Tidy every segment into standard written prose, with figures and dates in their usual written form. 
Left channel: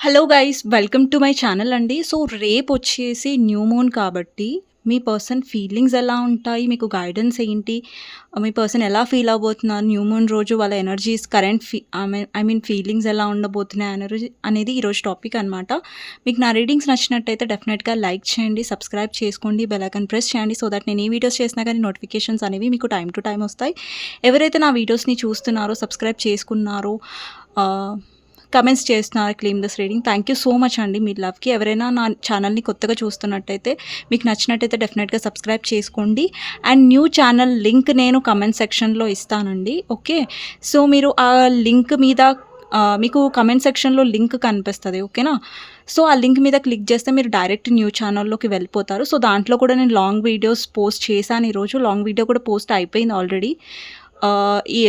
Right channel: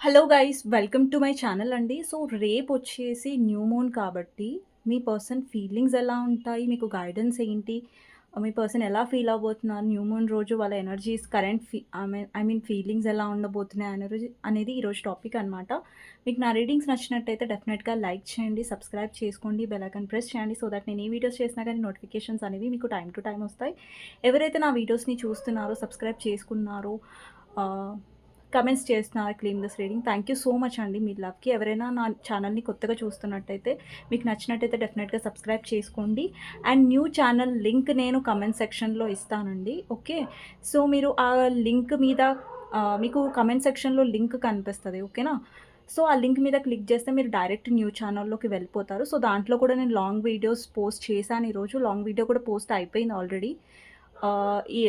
Hello guys! Welcome to my channel అండి. So, రేపొచ్చేసి new moon కాబట్టి, మీ person feelings ఎలా ఉంటాయి? మీకు గైడెన్స్ ఏంటి? మీ పర్సన్ ఎలా ఫీల్ అవ్వబోతున్నారు? న్యూ మూన్ రోజు వాళ్ళ energies current I mean feelings ఎలా ఉండబోతున్నాయి అనేది ఈరోజు టాపిక్ అనమాట. మీకు నా రీడింగ్స్ నచ్చినట్టయితే డెఫినెట్‌గా లైక్ చేయండి, సబ్స్క్రైబ్ చేసుకోండి, బెల్ ఐకాన్ ప్రెస్ చేయండి. సో దట్ నేను ఏ వీడియోస్ చేసినా కానీ నోటిఫికేషన్స్ అనేవి మీకు టైమ్ టు టైమ్ వస్తాయి. ఎవరైతే నా వీడియోస్‌ని చూస్తున్నారో, సబ్స్క్రైబ్ చేసుకున్నారో, కమెంట్స్ చేస్తున్నారు claim this reading. Thank you so much అండి మీ లవ్‌కి. ఎవరైనా నా ఛానల్‌ని కొత్తగా చూస్తున్నట్టయితే, మీకు నచ్చినట్టయితే డెఫినెట్‌గా సబ్స్క్రైబ్ చేసుకోండి. అండ్ న్యూ ఛానల్ లింక్ నేను కమెంట్ సెక్షన్‌లో ఇస్తానండి. ఓకే. సో, మీరు ఆ లింక్ మీద మీకు కమెంట్ సెక్షన్‌లో లింక్ కనిపిస్తది. ఓకేనా. సో, ఆ లింక్ మీద క్లిక్ చేస్తే మీరు డైరెక్ట్ న్యూ ఛానల్‌లోకి వెళ్ళిపోతారు. సో, దాంట్లో కూడా నేను లాంగ్ వీడియోస్ పోస్ట్ చేశాను ఈరోజు. లాంగ్ వీడియో కూడా పోస్ట్ అయిపోయింది ఆల్రెడీ ఈ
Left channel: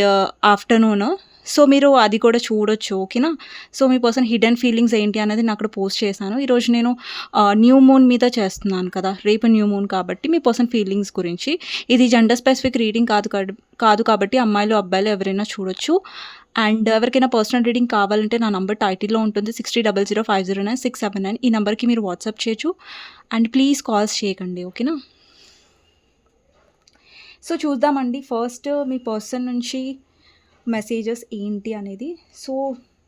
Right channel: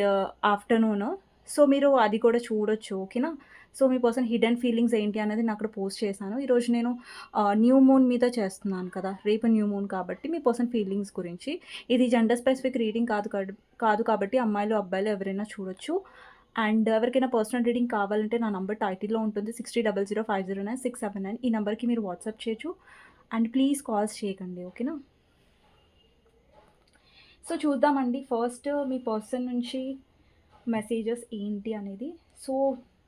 ఆఫ్టర్‌నూన్. సో, మీరు అది కూడా చూడొచ్చు. ఓకేనా. సో, మీ పర్సన్ హిడెన్ ఫీలింగ్స్ ఏంటి అనేది నేను అక్కడ పోస్ట్ చేశాను. ఈరోజు నేను న్యూ మూన్ మీద చేస్తున్నాను కదా! రేపు న్యూ మూన్ కాబట్టి మీ పర్సన్ ఫీలింగ్స్ గురించి. ఇది జెండర్ స్పెసిఫిక్ రీడింగ్ కాదు కాబట్టి అమ్మాయిలు, అబ్బాయిలు ఎవరైనా చూడొచ్చు. అండ్ ఎవరికైనా పర్సనల్ రీడింగ్ కావాలంటే నా నంబర్ టైటిల్‌లో ఉంటుంది. 6000509679 ఈ నంబర్‌కి మీరు వాట్సాప్ చేయొచ్చు. అండ్ ప్లీజ్ కాల్స్ చేయకండి. ఓకేనా. సో, చూద్దామండి ఫస్ట్ మీ పర్సన్ నుంచి మెసేజెస్ ఏంటి అనేది. సో,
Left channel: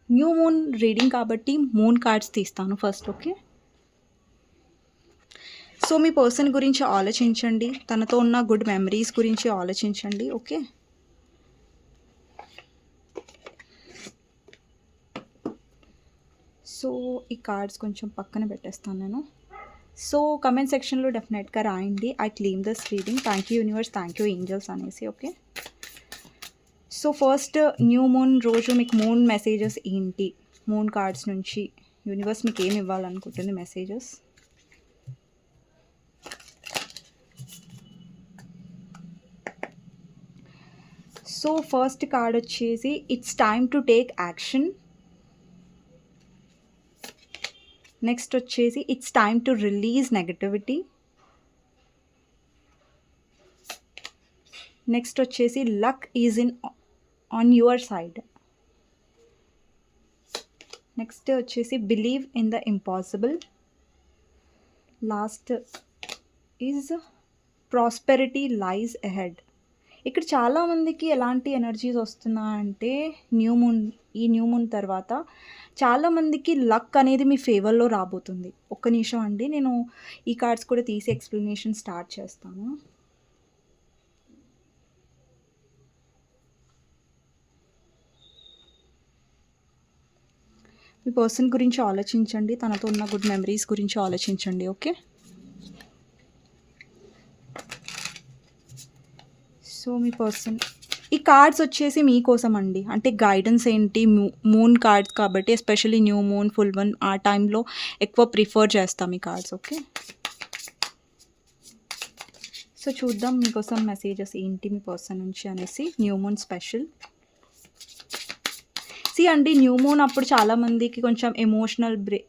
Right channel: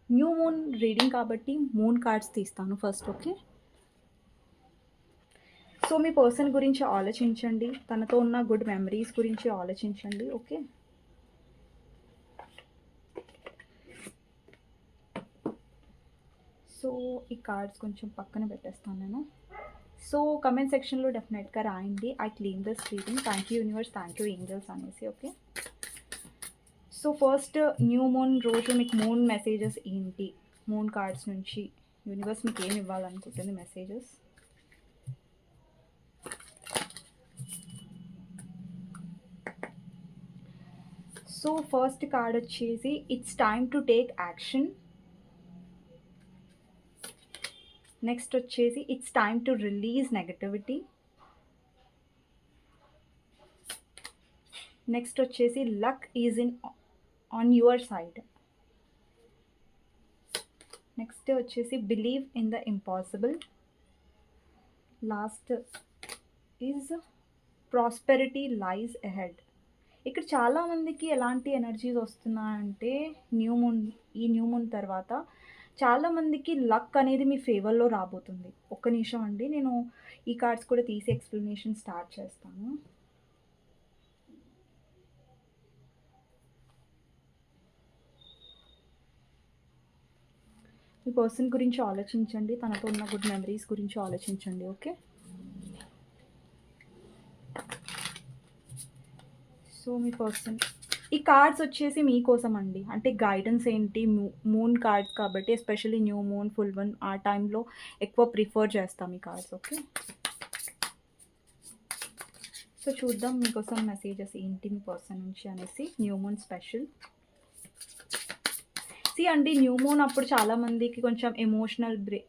న్యూ మూన్ రీడింగ్ కాబట్టి మూన్ కార్డ్స్ తీస్తాను ఫస్ట్. ఓకే. సో, మీ పర్సన్ గురించి ఆలోచించండి. తనతో ఉన్న గుడ్ మెమరీస్ గురించి ఆలోచించండి. ఓకే. సో, ఈ కార్డ్స్ కొంచెం పక్కన పెట్టేస్తాను నేను. సో, కమెంట్ సెక్షన్‌లో డెఫినెట్‌గా రాయండి. I claim this reading. Thank you universe, thank you angels అనేసి. Okay. So, first new moon రోజు మీకు మూన్ మెసేజెస్ ఏంటి? మూన్ కార్డ్స్ నుంచి యూనివర్స్ మీకు ఏమి ఇవ్వాలనుకుంటుంది మెసేజెస్? సో, ఫస్ట్ కార్డ్ వచ్చేసి it's time to take action. Next వచ్చేసి it's time to release negativity. Next వచ్చేసి luck is on your side. Next వచ్చేసి believe in the impossible. Last is prosperity lies ahead. ఇక్కడ చాలామందికి ఎలాంటి energies వస్తున్నాయంటే ఈ new moon తర్వాత చాలామందికి లక్ అనేది మీ ఫేవర్లో రాబోతుంది. ఒక్క నిమిషం అండి, నేను ఈ కార్డ్స్ కూడా తీసి ఎక్స్ప్లెనేషన్ స్టార్ట్ చేస్తాను. మీ పర్సన్ గురించి ఆలోచించండి. తనతో ఉన్న గుడ్ మెమరీస్ గురించి ఆలోచించండి. ఓకే. సో, మీ పర్సన్ ఈ కార్డ్స్ వచ్చేసి మీకోసం అండి. అంటే గైడెన్స్ ఏంటి, మూన్ కార్డ్స్ కాబట్టి especially new moon, full moon ఆ టైంలో ఎక్కువ ప్రిఫర్ చేస్తాం ఈ కార్డ్స్. ఓకే. సో, చూద్దాం మీకోసం మెసేజెస్ ఏంటి మీ పర్సన్ నుంచి అనేసి. న్యూ మూన్ స్పెషల్ అండి. న్యూ మూన్ అప్పుడు చాలామందికి కొంచెం ఎమోషనల్గా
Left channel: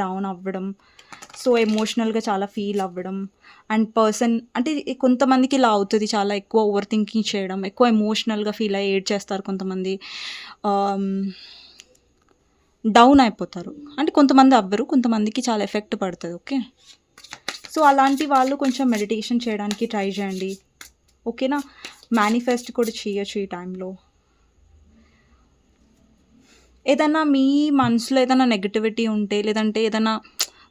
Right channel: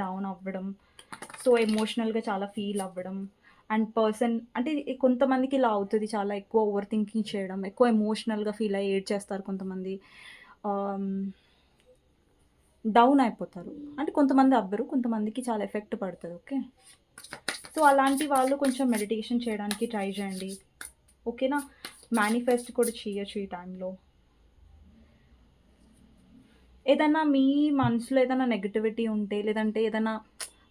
డౌన్ అవ్వడం. సో, ఎమోషనల్గా చాలా ఫీల్ అవ్వడం. అండ్ పర్సన్ అంటే కొంతమందికి ఇలా అవుతుంది. చాలా ఎక్కువ ఓవర్ థింకింగ్ చేయడం, ఎక్కువ ఎమోషనల్గా ఫీల్ అయ్యి ఏడ్చేస్తారు కొంతమంది. డౌన్ అయిపోతారు. అంటే కొంతమంది అవ్వరు, కొంతమందికి చాలా ఎఫెక్ట్ పడుతుంది. ఓకే. సో, అలాంటి వాళ్ళు కొంచెం మెడిటేషన్ చేయడానికి ట్రై చేయండి. ఓకేనా. మేనిఫెస్ట్ కూడా చేయొచ్చు ఈ టైంలో. ఏదన్నా మీ మనసులో ఏదైనా నెగటివిటీ ఉంటే, లేదంటే ఏదైనా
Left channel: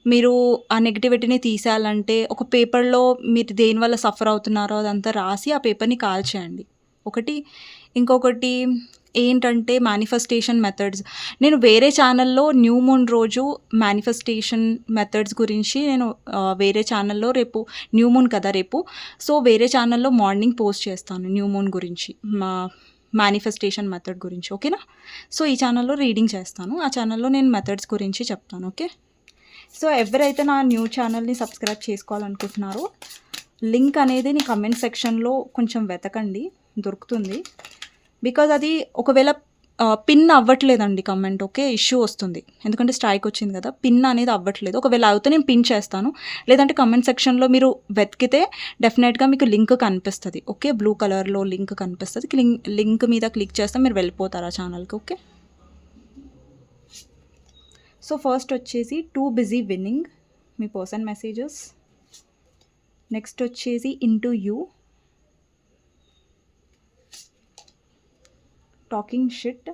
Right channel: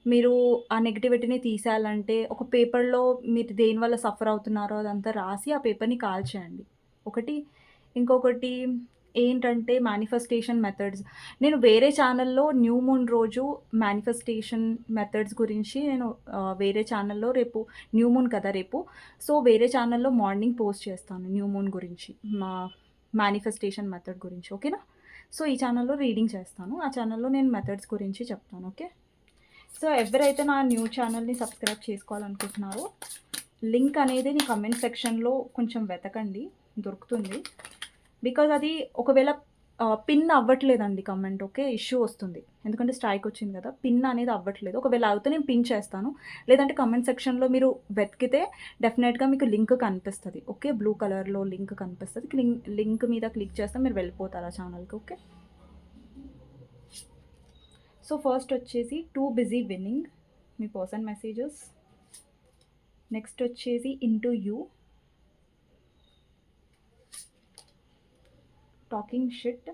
మీరు ఆ నెగటివిటీని తీసేయాలంటే ఒక పేపర్‌లో మీరు దేనివల్ల సఫర్ అవుతున్నారో అదంతా రాసి ఆ పేపర్‌ని కాల్చేయండి. ఒకటి. ఇంకొకటి ఏంటంటే మేనిఫెస్టేషన్ మెథడ్స్. నేను వేరే ఛానల్‌లో న్యూ మూన్ రోజు మేనిఫెస్టేషన్ మెథడ్స్ గురించి నేను వేరే ఛానల్‌లో రేపు న్యూ మూన్ కదా రేపు. సో, వేరే ఛానల్‌లో మార్నింగ్ పోస్ట్ చేస్తాను న్యూ మూన్ గురించి. మేనిఫెస్టేషన్ మెథడ్ గురించి. ఓకేనా. సో, ఈ ఛానల్‌లో రీడింగ్ చేస్తాను. ఆ ఛానల్‌లో నేను మెథడ్స్ గురించి చెప్తాను. ఓకే. సో, ఎవరైతే నా న్యూ ఛానల్‌ని సబ్స్క్రైబ్ చేసుకోవాలనుకుంటున్నారో లింక్ అనేది నీ కమెంట్ సెక్షన్‌లో కొంచెం వెతకండి, దొరుకుతుంది. బికాజ్ అది ఒకవేళ పిన్ అవ్వట్లేదండి కమెంట్. ఓకే. ఇష్యూ వస్తుంది. ఎందుకంటే స్ట్రైక్ వచ్చింది కదా! పిన్ అనేది అవ్వట్లేదు. ఒకవేళ అవుతే నేను పిన్ చేస్తాను. లేదంటే కమెంట్ సెక్షన్‌లో మీరు వెతికితే డెఫినెట్‌గా మీకు లింక్ కనిపిస్తది. ఓకే. బ్లూ కలర్‌లో లింక్ కనిపిస్తది. లింక్ మీద క్లిక్ చేస్తే మీరు వెళ్ళిపోతారు ఆ ఛానల్‌కి. ఓకే. సో ఫస్ట్ వచ్చేసి టూ బిజీ విన్నింగ్ మీ పర్సన్ మెసేజెస్. నెక్స్ట్ వచ్చేసి ఇంటూ యూ, టాకింగ్ షిట్,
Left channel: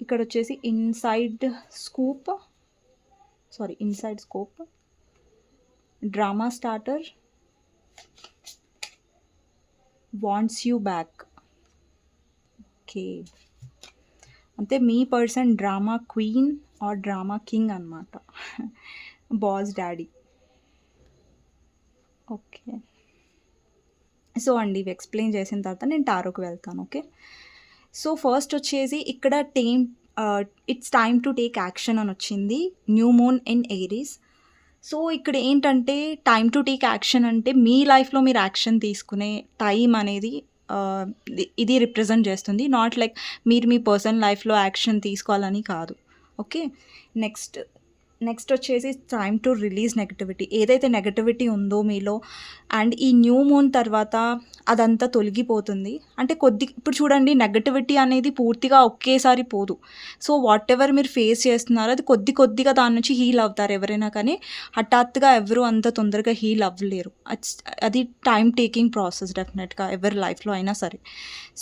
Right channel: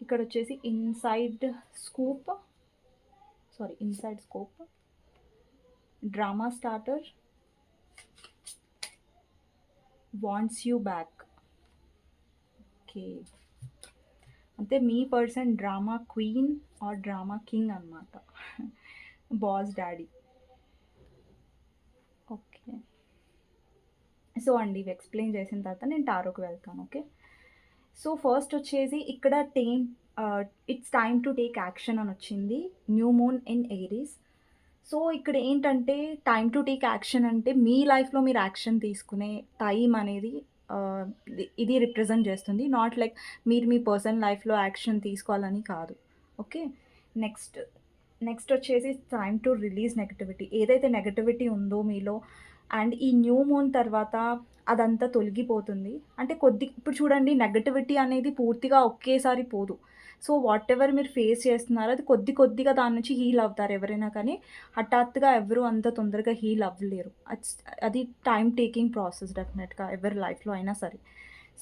ఇక్కడ వచ్చేసి inside scoop, drama starter, wants you back. Okay, అంటే మీ person drama queen or drama king అనమాట, బాస్ డాడీ. ఓకే, సో అండి ఇవి ఎక్స్ప్లెయిన్ చేసిన తర్వాత నేను టారోకి వెళ్తాను. ఓకే, సో ఫస్ట్ వచ్చేసి ఇక్కడ it's time to take action అని వచ్చింది, new moon in Aries. So ఇక్కడ ఏంటంటే టైమ్ టు టేక్ యాక్షన్ అంటే మీ లైఫ్లో మీరు యాక్షన్ తీసుకునే టైం అనేది ఇది రిప్రజెంట్ చేస్తుంది. నాట్ లైక్ మీరు మీ పర్సనల్ లైఫ్లో యాక్షన్ తీసుకోవాలని కాదు. ఓకే, నెక్స్ట్ వచ్చేసి టైమ్ టు రిలీజ్ నెగటివిటీ. ఏదైతే నెగటివిటీ ఉందో మీలో అండ్ ఈ న్యూ మూన్ తర్వాత అదంతా తొలగిపోతుంది. అంటే ఇప్పుడు చూడండి, నెగటివిటీ అనేది పూర్తిగా ఒకేసారి పోదు. సో వాట్ ఎవర్ మీరు ఫేస్ చేస్తున్నారో అది కొద్దిగా దాని నుంచి హీల్ అవుతారు ఎవరైనా, కానీ హఠాత్తుగా ఎవరు అంత తొందరగా హీల్ అవ్వలేరు. అది టైం టేకింగ్ ప్రాసెస్ డెఫినెట్గా ఎవరి లైఫ్లో అయినా సరే.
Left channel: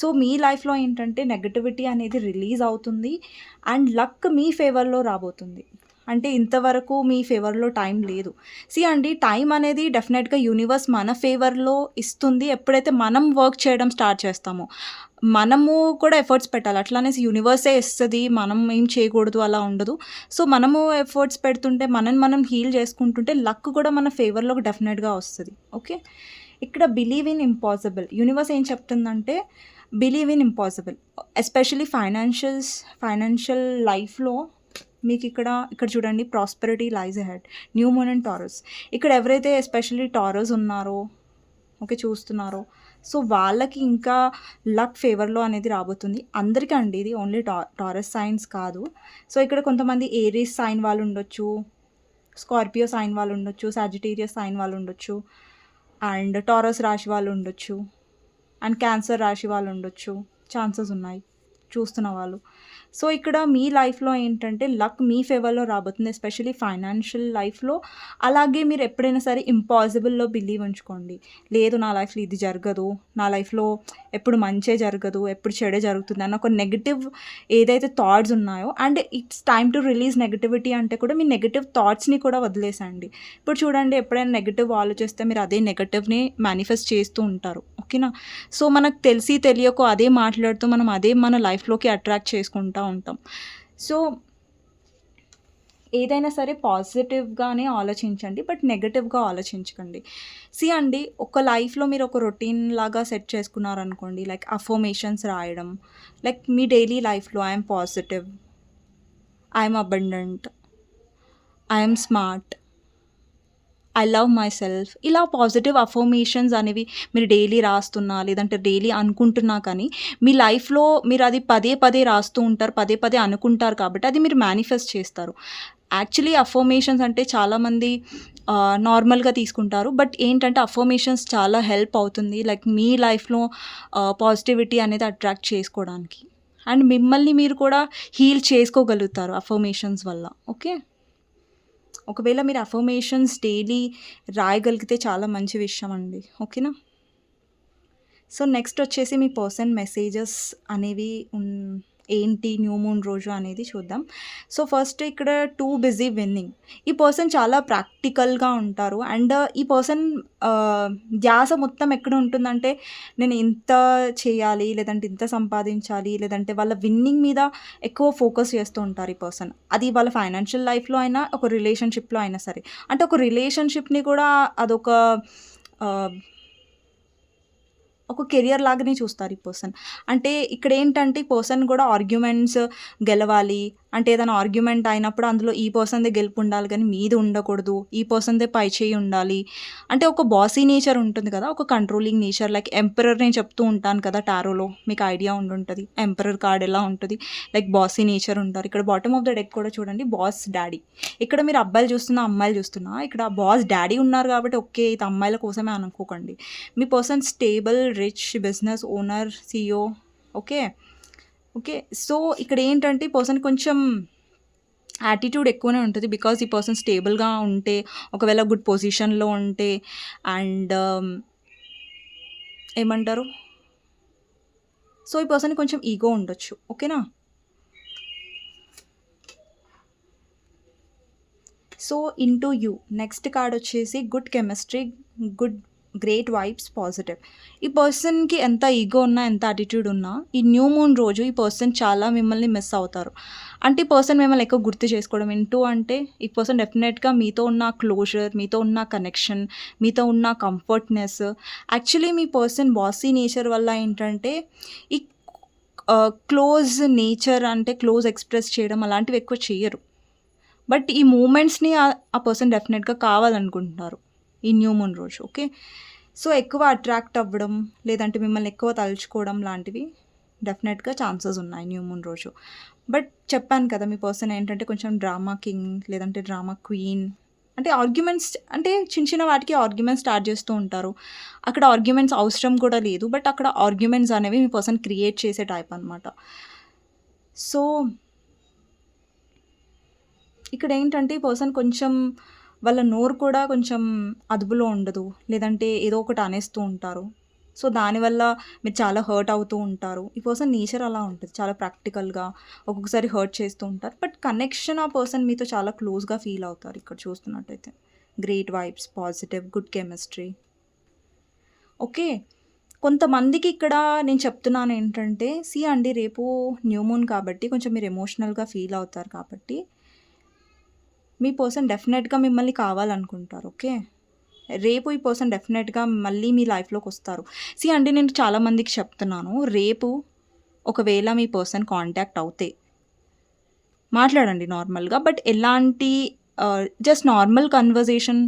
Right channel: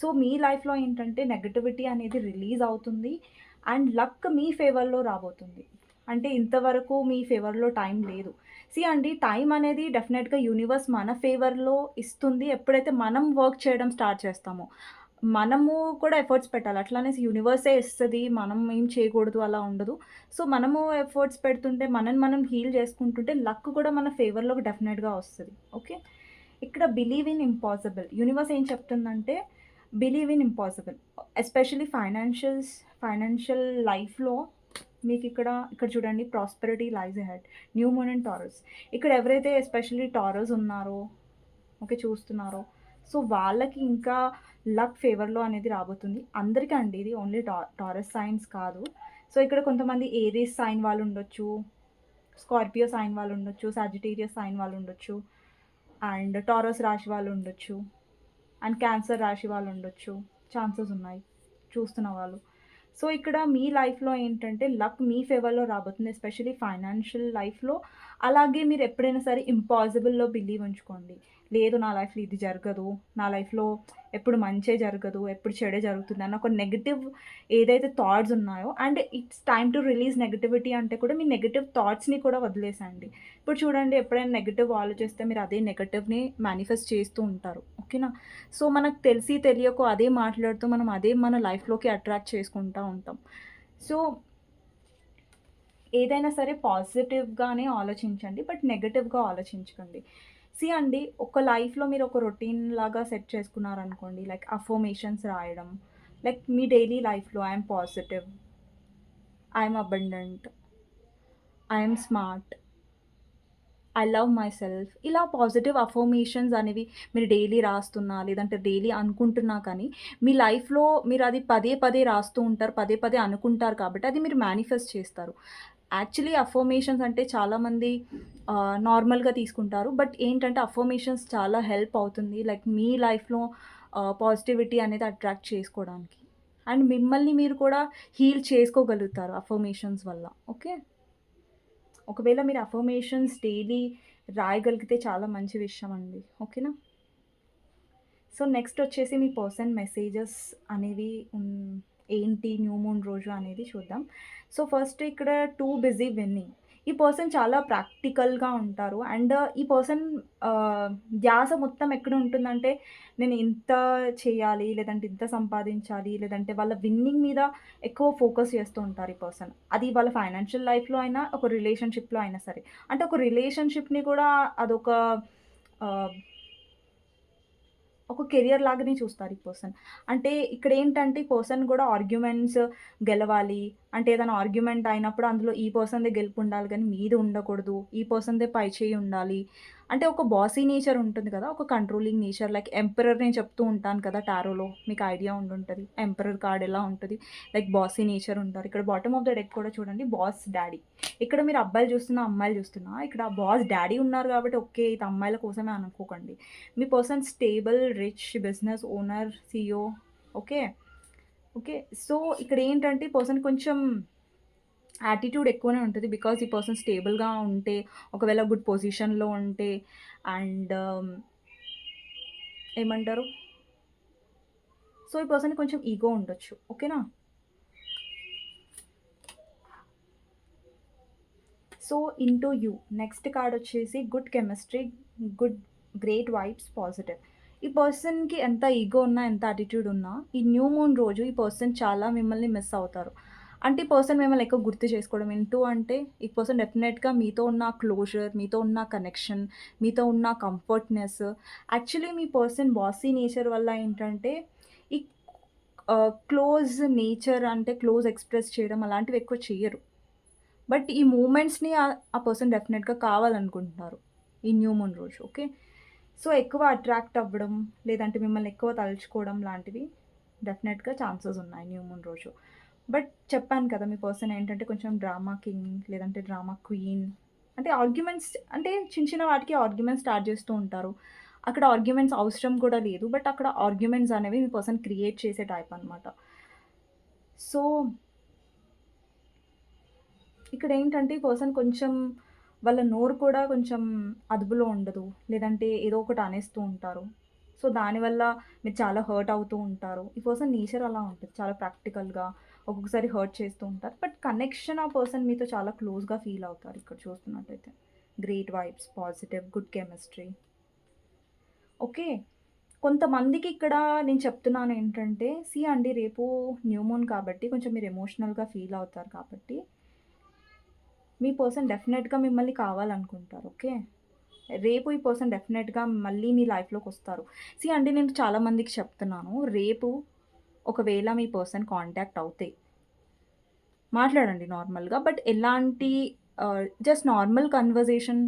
సో మీ లైఫ్లో ఏంటంటే నెగటివిటీ అనేది రిలీజ్ అవుతుంది అండ్ లక్ మీ ఫేవర్లో రాబోతుంది. అంటే ఇంతవరకు మీ ఫేవర్లో టైం లేదు. అండి, టైం అనేది డెఫినెట్గా యూనివర్స్ మన ఫేవర్లో ఇస్తుంది ఎప్పుడైతే మనం వర్క్ చేయడం స్టార్ట్ చేస్తామో. మనము కూడా ఎఫర్ట్స్ పెట్టాలి, అట్లానే యూనివర్సే ఇస్తుంది, మనం ఏం చేయకూడదు అలా ఉండదు. సో మనము ఎఫర్ట్స్ పెడుతుంటే మనం హీల్ చేసుకుంటుంటే లక్ కూడా మన ఫేవర్లో డెఫినెట్గా వస్తుంది. ఓకే, ఇక్కడ బిలీవ్ ఇన్ ఇంపాసిబుల్. యూనివర్స్ ఏం చెప్తుందంటే believe in impossible, especially financial లైఫ్లో మీకు ఇక్కడ చూడండి, prosperity lies ahead, new moon and taurus. ఇక్కడ ఎవరైతే ఎస్పెషల్లీ టారస్ ఉన్నారో, ఓకే చూస్తున్నారో, సో వాళ్ళకి ఇంకా లక్ ఫేవర్లో అనేది రాబోతుంది. అందరికీ అండి, ఇది ఓన్లీ టారస్ సైన్స్ కాదు. సో ఇక్కడ కొంతమంది ఏరీస్ సైన్ వాళ్ళు ఉండొచ్చు, స్కార్పియో సైన్ వాళ్ళు ఉండొచ్చు, సాజిటేరియస్ సైన్ వాళ్ళు ఉండొచ్చు, అండ్ టారస్ రాశి వాళ్ళు ఉండొచ్చు, అండ్ క్యాన్సర్ రాశి వాళ్ళు ఉండొచ్చు, ఛాన్సెస్ ఉన్నాయి చూస్తున్న వాళ్ళు. సో ఇక్కడ మీ లైఫ్లో ఏంటంటే లక్ మీ ఫేవర్లో రాబోతుంది, ఎస్పెషలీ ఫైనాన్షియల్ లైఫ్లో. అలాగే మీరు ఎప్పుడైనా సరే ఇంపాసిబుల్లో బిలీవ్ ఉంచుకోండి. లేదు నా లైఫ్లో ఇది జరగదు, నా లైఫ్లో ఎప్పుడు మంచే జరగదు, ఎప్పుడు చెడే జరుగుతుంది అన్న ఒక నెగిటివ్ ఏదైతే థాట్స్ ఉన్నాయో, and it's time to release negativity అంటే కూడా మీ నెగిటివ్ థాట్స్ని కూడా వదిలేసండి. ఇప్పుడు చూడండి, ఎప్పుడైనా నెగిటివ్ ఆలోచిస్తే మీరు అదే నెగిటివ్ని మేనిఫెస్ట్ చేస్తూ ఉంటారు. ఓకేనా, సో మనకు తెలియకో అదే మాట్లాడుతూ మనం అదే మన లైఫ్లోకి అట్రాక్ట్ చేసుకుంటాం ఉంటాం. సో ఏదైనా సరే పాజిటివ్గానే ఆలోచించండి, బట్ నెగటివ్గా ఆలోచించకండి. అండి, ఒక లైఫ్లో మీరు ఒక రొటీన్ లాగా సెట్ చేసుకున్నారనుకోండి, లైక్ అఫర్మేషన్స్ రాయడం, లైక్ మీ డైలీ లైఫ్లో I'm positive, I'm abundant, I'm smart, I love my self, ఇలా పాజిటివ్ అఫర్మేషన్స్ అనేవి మీరు డైలీ రాస్తున్నా లేదంటే డైలీ అనుకుంటున్నా కానీ మీ లైఫ్లో మీరు అది పదే రాస్తూ ఉంటారు, పదే అనుకుంటారు, కాబట్టి అది మీరు మేనిఫెస్ట్ చేస్తారు. యాక్చువల్లీ అఫర్మేషన్స్ అంటే చాలామంది నార్మల్గా తీసుకుంటారు, బట్ ఏంటంటే అఫర్మేషన్స్ చాలా హెల్ప్ అవుతుంది లైక్ మీ లైఫ్లో పాజిటివిటీ అనేది అట్రాక్ట్ చేసుకోవడానికి, అండ్ మిమ్మల్ని మీరు కూడా హీల్ చేసుకోగలుగుతారు అఫర్మేషన్స్ వల్ల. ఓకే, ఒకవేళ మీరు అఫర్మేషన్స్ డైలీ రాయగలిగితే చాలా మంచి విషయం అండి. ఓకేనా, సో నెక్స్ట్ వచ్చేసి మీ పర్సన్ మెసేజెస్ అనేవి ఏంటి న్యూ మూన్ రోజు అనేది చూద్దాం. సో ఫస్ట్ ఇక్కడ టూ బిజీ విన్నింగ్. ఈ పర్సన్ చాలా ప్రాక్టికల్గా ఉంటారు అండ్ ఈ పర్సన్ ధ్యాస మొత్తం ఎక్కడ ఉంటుందంటే నేను ఇంత చేయాలి, లేదంటే ఇంత సంపాదించాలి, లేదంటే వాళ్ళ విన్నింగ్ మీద ఎక్కువ ఫోకస్ చేస్తూ ఉంటారు ఈ పర్సన్. అది వాళ్ళ ఫైనాన్షియల్ లైఫ్లో అయినా ఒక రిలేషన్షిప్లో అయినా సరే. అంటే ఒక రిలేషన్షిప్ని కూడా అదొక ఒక కెరియర్ లాగానే చూస్తారు ఈ పర్సన్. అంటే ఇక్కడ ఏంటంటే ఈ పర్సన్ కూడా ఆర్గ్యుమెంట్స్ గెలవాలి, అంటే ఏదైనా ఆర్గ్యుమెంట్ అయినప్పుడు అందులో ఈ పర్సన్దే గెలుపు ఉండాలి కానీ మీది ఉండకూడదు, ఈ పర్సన్దే పై చేయి ఉండాలి. అంటే ఒక బాసీ నేచర్ ఉంటుంది కదా, ఒక కంట్రోలింగ్ నేచర్. లైక్ ఎంపరర్ నేను చెప్తూ ఉంటాను కదా టారోలో, మీకు ఐడియా ఉండుంటుంది ఎంపరర్ కార్డ్ ఎలా ఉంటుంది, లైక్ బాసీ నేచర్ ఉంటారు. ఇక్కడ బాటమ్ ఆఫ్ ద డెక్ కూడా చూడండి, బాస్ డాడీ. ఇక్కడ మీరు అబ్బాయిలు చూస్తున్నా అమ్మాయిలు చూస్తున్నా, ఇక్కడ బాస్ డాడీ ఉన్నారు కాబట్టి ఓకే ఇది అమ్మాయిల కోసమే అనుకోకండి. మీ person stable rich business owner, CEO. Okay. Okay. So, ఇక్కడ ఏంటంటే ఈ పర్సన్ కొంచెం యాటిట్యూడ్ ఎక్కువనే ఉంటది. బికాజ్ ఈ పర్సన్ స్టేబుల్‌గా ఉంటే, ఒకవేళ గుడ్ పొజిషన్‌లో ఉంటే అండ్ ఏమంటారు? సో, ఈ పర్సన్‌కి కొంచెం ఈగో ఉండొచ్చు. ఓకేనా? So, into you. Next card వచ్చేసి good chemistry, good great vibes, positive. ఈ పర్సన్‌కి ఎంత ఈగో ఉన్నా, ఎంత యాటిట్యూడ్ ఉన్నా, ఈ న్యూ మూన్ రోజు ఈ పర్సన్ చాలా మిమ్మల్ని మిస్ అవుతారు. అంటే ఈ పర్సన్ మిమ్మల్ని ఎక్కువ గుర్తు చేసుకోవడం. ఇంటూ అంటే ఈ పర్సన్ డెఫినెట్‌గా మీతో ఉన్న క్లోజర్, మీతో ఉన్న కనెక్షన్, మీతో ఉన్న కంఫర్ట్‌నెస్. యాక్చువల్లీ మీ పర్సన్ బాసీ నేచర్ వల్ల ఏంటంటే ఈ క్లోజ్ నేచర్ అంటే క్లోజ్ ఎక్స్‌ప్రెస్ చేయడం అలాంటివి ఎక్కువ చెయ్యరు. బట్ ఈ మూమెంట్స్‌ని ఆ పర్సన్ డెఫినెట్‌గా కావాలనుకుంటున్నారు. ఈ న్యూ మూన్ రోజు. ఓకే. సో, ఎక్కువ అట్రాక్ట్ అవ్వడం, లేదంటే మిమ్మల్ని ఎక్కువ తలుచుకోవడం లాంటివి డెఫినెట్‌గా ఛాన్సెస్ ఉన్నాయి న్యూ మూన్ రోజు. బట్ చెప్పాను కదా! మీ పర్సన్ ఏంటంటే కొంచెం డ్రామా కింగ్ లేదంటే డ్రామా క్వీన్. అంటే ఆర్గ్యుమెంట్స్ అంటే చిన్న చిన్న వాటికి ఆర్గ్యుమెంట్స్ స్టార్ట్ చేస్తూ ఉంటారు. అక్కడ ఆర్గ్యుమెంట్స్ అవసరం కూడా లేదు. బట్ అక్కడ ఆర్గ్యుమెంట్స్ అనేవి మీ పర్సన్ క్రియేట్ చేసే టైప్ అనమాట. సో, ఇక్కడేంటంటే ఈ పర్సన్ కొంచెం వాళ్ళ నోరు కూడా కొంచెం అదుపులో ఉండదు. లేదంటే ఏదో ఒకటి అనేస్తూ ఉంటారు. సో, దానివల్ల మీరు చాలా హర్ట్ అవుతూ ఉంటారు. ఈ పర్సన్ నేచర్ అలా ఉంటది. చాలా ప్రాక్టికల్‌గా ఒక్కొక్కసారి హర్ట్ చేస్తూ ఉంటారు. బట్ కనెక్షన్ ఆ పర్సన్ మీతో చాలా క్లోజ్‌గా ఫీల్ అవుతారు ఇక్కడ చూస్తున్నట్టయితే. Great vibes, positive, good chemistry. Okay. కొంతమందికి ఇక్కడ నేను చెప్తున్నానేంటంటే, అండి రేపు న్యూ మూన్ కాబట్టి కొంచెం మీరు ఎమోషనల్‌గా ఫీల్ అవుతారు కాబట్టి మీ పర్సన్ డెఫినెట్‌గా మిమ్మల్ని కావాలనుకుంటారు. ఓకే. రేపు ఈ పర్సన్ డెఫినెట్‌గా మళ్ళీ మీ లైఫ్‌లోకొస్తారు. అండి నేను చాలా మందికి చెప్తున్నాను. రేపు ఒకవేళ మీ పర్సన్ కాంటాక్ట్ అవుతే మాట్లాడండి నార్మల్‌గా. బట్ ఎలాంటి జస్ట్ నార్మల్ కన్వర్జేషన్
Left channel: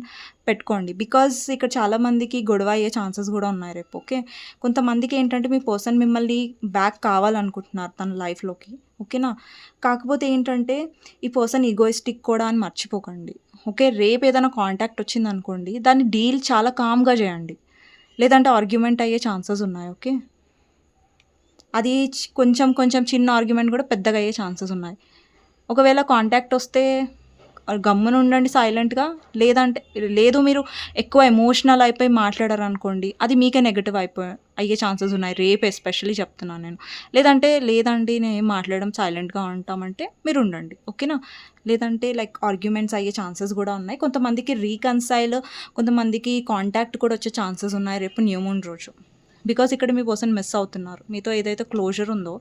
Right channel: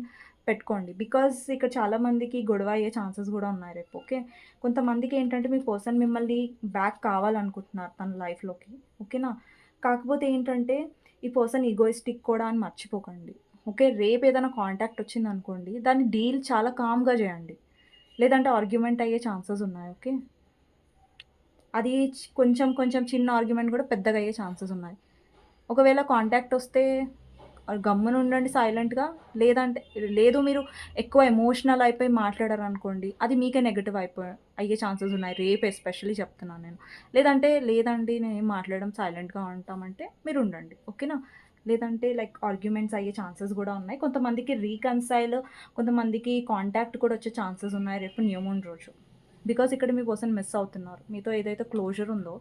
పెట్టుకోండి. బికాజ్ ఇక్కడ చాలా మందికి గొడవ అయ్యే ఛాన్సెస్ గూడా ఉన్నాయి రేపు. ఓకే. కొంతమందికి ఏంటంటే మీ పర్సన్ మిమ్మల్ని బ్యాక్ కావాలనుకుంటున్నారు తన లైఫ్‌లోకి. ఓకేనా? కాకపోతే ఏంటంటే ఈ పర్సన్ ఈగోయిస్టిక్ కూడా అని మర్చిపోకండి. ఓకే. రేపు ఏదైనా కాంటాక్ట్ వచ్చిందనుకోండి, దాన్ని డీల్ చాలా కామ్‌గా చేయండి. లేదంటే ఆర్గ్యుమెంట్ అయ్యే ఛాన్సెస్ ఉన్నాయి. ఓకే. అది కొంచెం కొంచెం చిన్న ఆర్గ్యుమెంట్ గూడా పెద్దగా అయ్యే ఛాన్సెస్ ఉన్నాయి. ఒకవేళ కాంటాక్ట్ వస్తే గమ్మున ఉండండి సైలెంట్‌గా. లేదంటే లేదు మీరు ఎక్కువ ఎమోషనల్ అయిపోయి మాట్లాడారనుకోండి, అది మీకే నెగెటివ్ అయ్యే ఛాన్సెస్ ఉన్నాయి. రేపు ఎస్పెషల్లీ చెప్తున్నాను నేను. లేదంటే లేదండి నేనేం మాట్లాడడం సైలెంట్‌గా ఉంటామంటే మీరు ఉండండి. ఓకేనా? లేదంటే లైక్ ఆర్గ్యుమెంట్స్ అయ్యే ఛాన్సెస్ గూడా ఉన్నాయి. కొంతమందికి రీకన్సైల్, కొంతమందికి కాంటాక్ట్ కూడా వచ్చే ఛాన్సెస్ ఉన్నాయి రేపు న్యూ మూన్ రోజు. బికాజ్ ఇక్కడ మీ పర్సన్ మిస్ అవుతున్నారు. మీతో ఏదైతే క్లోజర్ ఉందో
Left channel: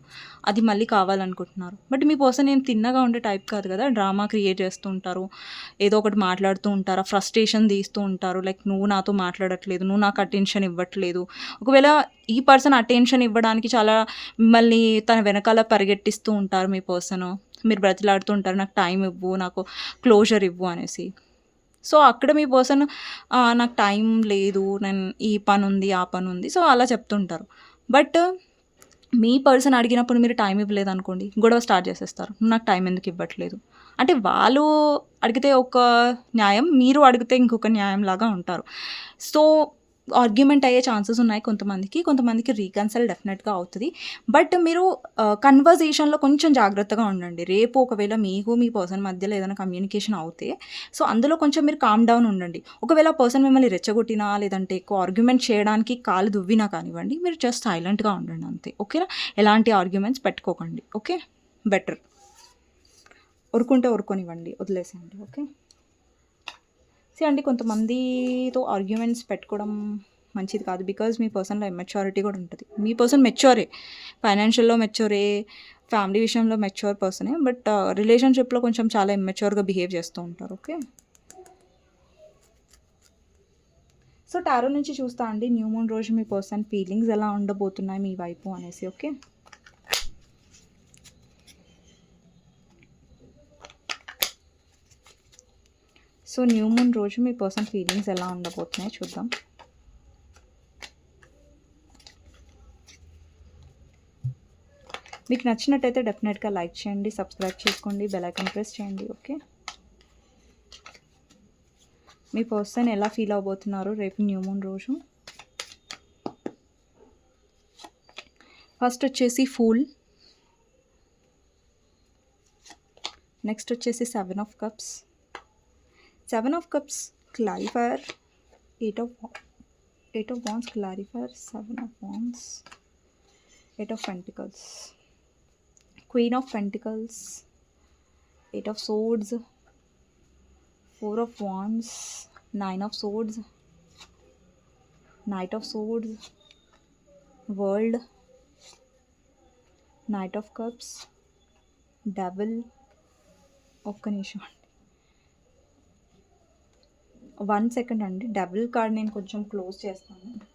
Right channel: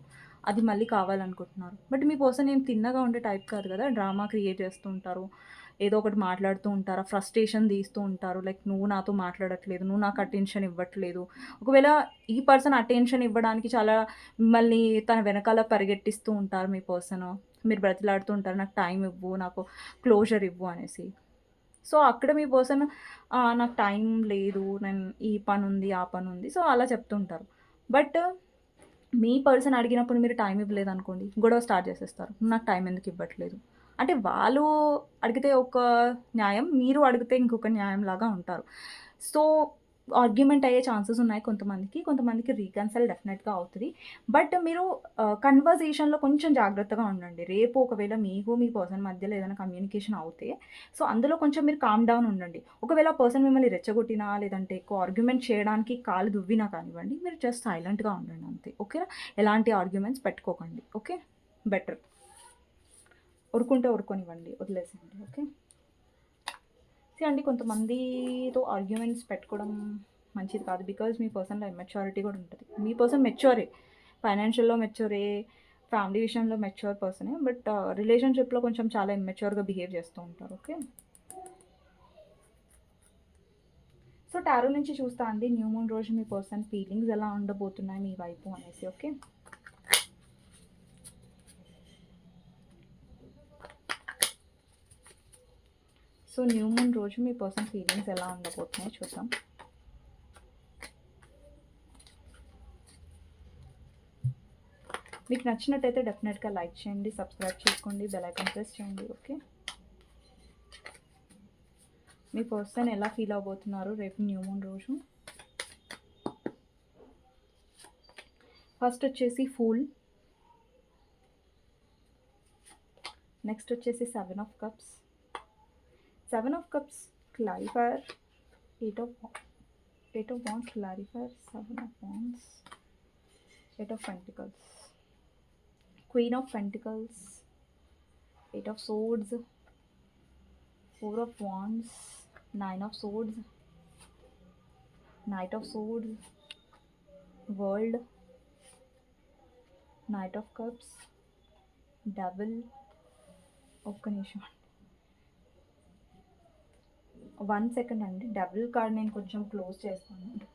అది మళ్ళీ కావాలనుకుంటున్నారు. బట్ మీ పర్సన్ ఏం తిన్నగా ఉండే టైప్ కాదు కదా! డ్రామా క్రియేట్ చేస్తూ ఉంటారు. ఏదో ఒకటి మాట్లాడుతూ ఉంటారు. ఫ్రస్ట్రేషన్ తీస్తూ ఉంటారు. లైక్ నువ్వు నాతో మాట్లాడట్లేదు. నువ్వు నాకు అటెన్షన్ ఇవ్వట్లేదు. ఒకవేళ ఈ పర్సన్ అటెన్షన్ ఇవ్వడానికి చాలా మిమ్మల్ని తన వెనకాల పరిగెట్టిస్తూ ఉంటారు మీ పర్సను. మీరు బ్రతిలాడుతూ ఉంటారు. నాకు టైం ఇవ్వు, నాకు క్లోజర్ ఇవ్వు అనేసి. సో, అక్కడ మీ పర్సన్ నాకు టైం లేదు. నేను ఈ పనుంది, ఆ పనుంది. సో, అలా చెప్తుంటారు. బట్ మీ పర్సన్ అడిగినప్పుడు మీరు టైం ఇవ్వలేదనుకోండి, గొడవ స్టార్ట్ చేసేస్తారు. "నువ్వు నాకు టైం ఎందుకు ఇవ్వట్లేదు?" అంటే వాళ్ళు అడిగితే ఒక న్యాయం, మీరు అడిగితే ఇంకొక న్యాయంలాగా ఉంటారు. సో, ఆర్గ్యుమెంట్ అయ్యే ఛాన్సెస్ ఉన్నాయి కొంతమందికి. కొంతమందికి రీకన్సిల్ డెఫినెట్‌గా అవుతది. బట్ మీరు కన్వర్జేషన్‌లో కొంచెం జాగ్రత్తగా ఉండండి. రేపు ఒకవేళ మీకు మీ పర్సన్ మధ్యలో ఏదైనా కమ్యూనికేషన్ అవుతే, సో, అందులో కొంచెం మీరు కామ్ డౌన్ ఉండండి. ఒకవేళ పర్సన్ మిమ్మల్ని రెచ్చగొట్టినా, లేదంటే ఎక్కువ ఆర్గ్యుమెంట్ చేయడానికి కాలు దువ్వినా కానివ్వండి, మీరు జస్ట్ సైలెంట్‌గా ఉండండి అంతే. ఓకేనా? ఎలాంటి ఆర్గ్యుమెంట్స్ పెట్టుకోకండి. ఓకే. బెటర్. ఊరుకుంటే ఊరుకోనివ్వండి. వదిలేసేయండి. ఓకే. అండి కొంతమందితో ఆర్గ్యుమెంట్స్ పెట్టుకోవడం మంచిది కాదు. బికాజ్ మీ పర్సన్‌లో ఇమ్మెచ్యూరిటీ కూడా ఉంటది. మీ పర్సన్ మెచ్యూరే. ఫైనాన్షియల్‌లో మెచ్యూరే, ఫ్యామిలీ విషయంలో మెచ్యూర్ పర్సనే. బట్ రిలేషన్‌షిప్‌లో కొంచెం చాలా ఇమ్మెచ్యూర్‌గా బిహేవ్ చేస్తూ ఉంటారు. ఓకే. సో, టారో నుంచి చూస్తా అండి న్యూ మూన్ రోజు మీ పర్సన్ ఫీలింగ్స్ ఎలా ఉండబోతున్నాయి మీ వైపు అనేసి. ఓకే. సో, న్యూ మూన్ రోజు మీ పర్సన్ ఫీలింగ్స్ ఎలా ఉండబోతున్నాయో చూద్దాం. మీకు నచ్చినట్టయితే డెఫినెట్‌గా లైక్ చేయండి, సబ్స్క్రైబ్ చేసుకోండి, బెల్ ఐకాన్ ప్రెస్ చేయండి. ఓకే. మీ పర్సన్ ఎలా ఫీల్ అవ్వబోతున్నారు రేపు న్యూ మూన్ రోజు? ఫస్ట్ వచ్చేసి ఫూల్, నెక్స్ట్ వచ్చేసి 7 of cups. 7 of cups clarifier, 8 of wands clarifier, 7 of wands, 8 of pentacles, queen of pentacles, 8 of swords, 4 of wands, 9 of swords, knight of swords, world, knight of cups, double. ఒక్క నిమిషం అండి, 1 second అండి. Double card నేను కొంచెం close చేస్తాను.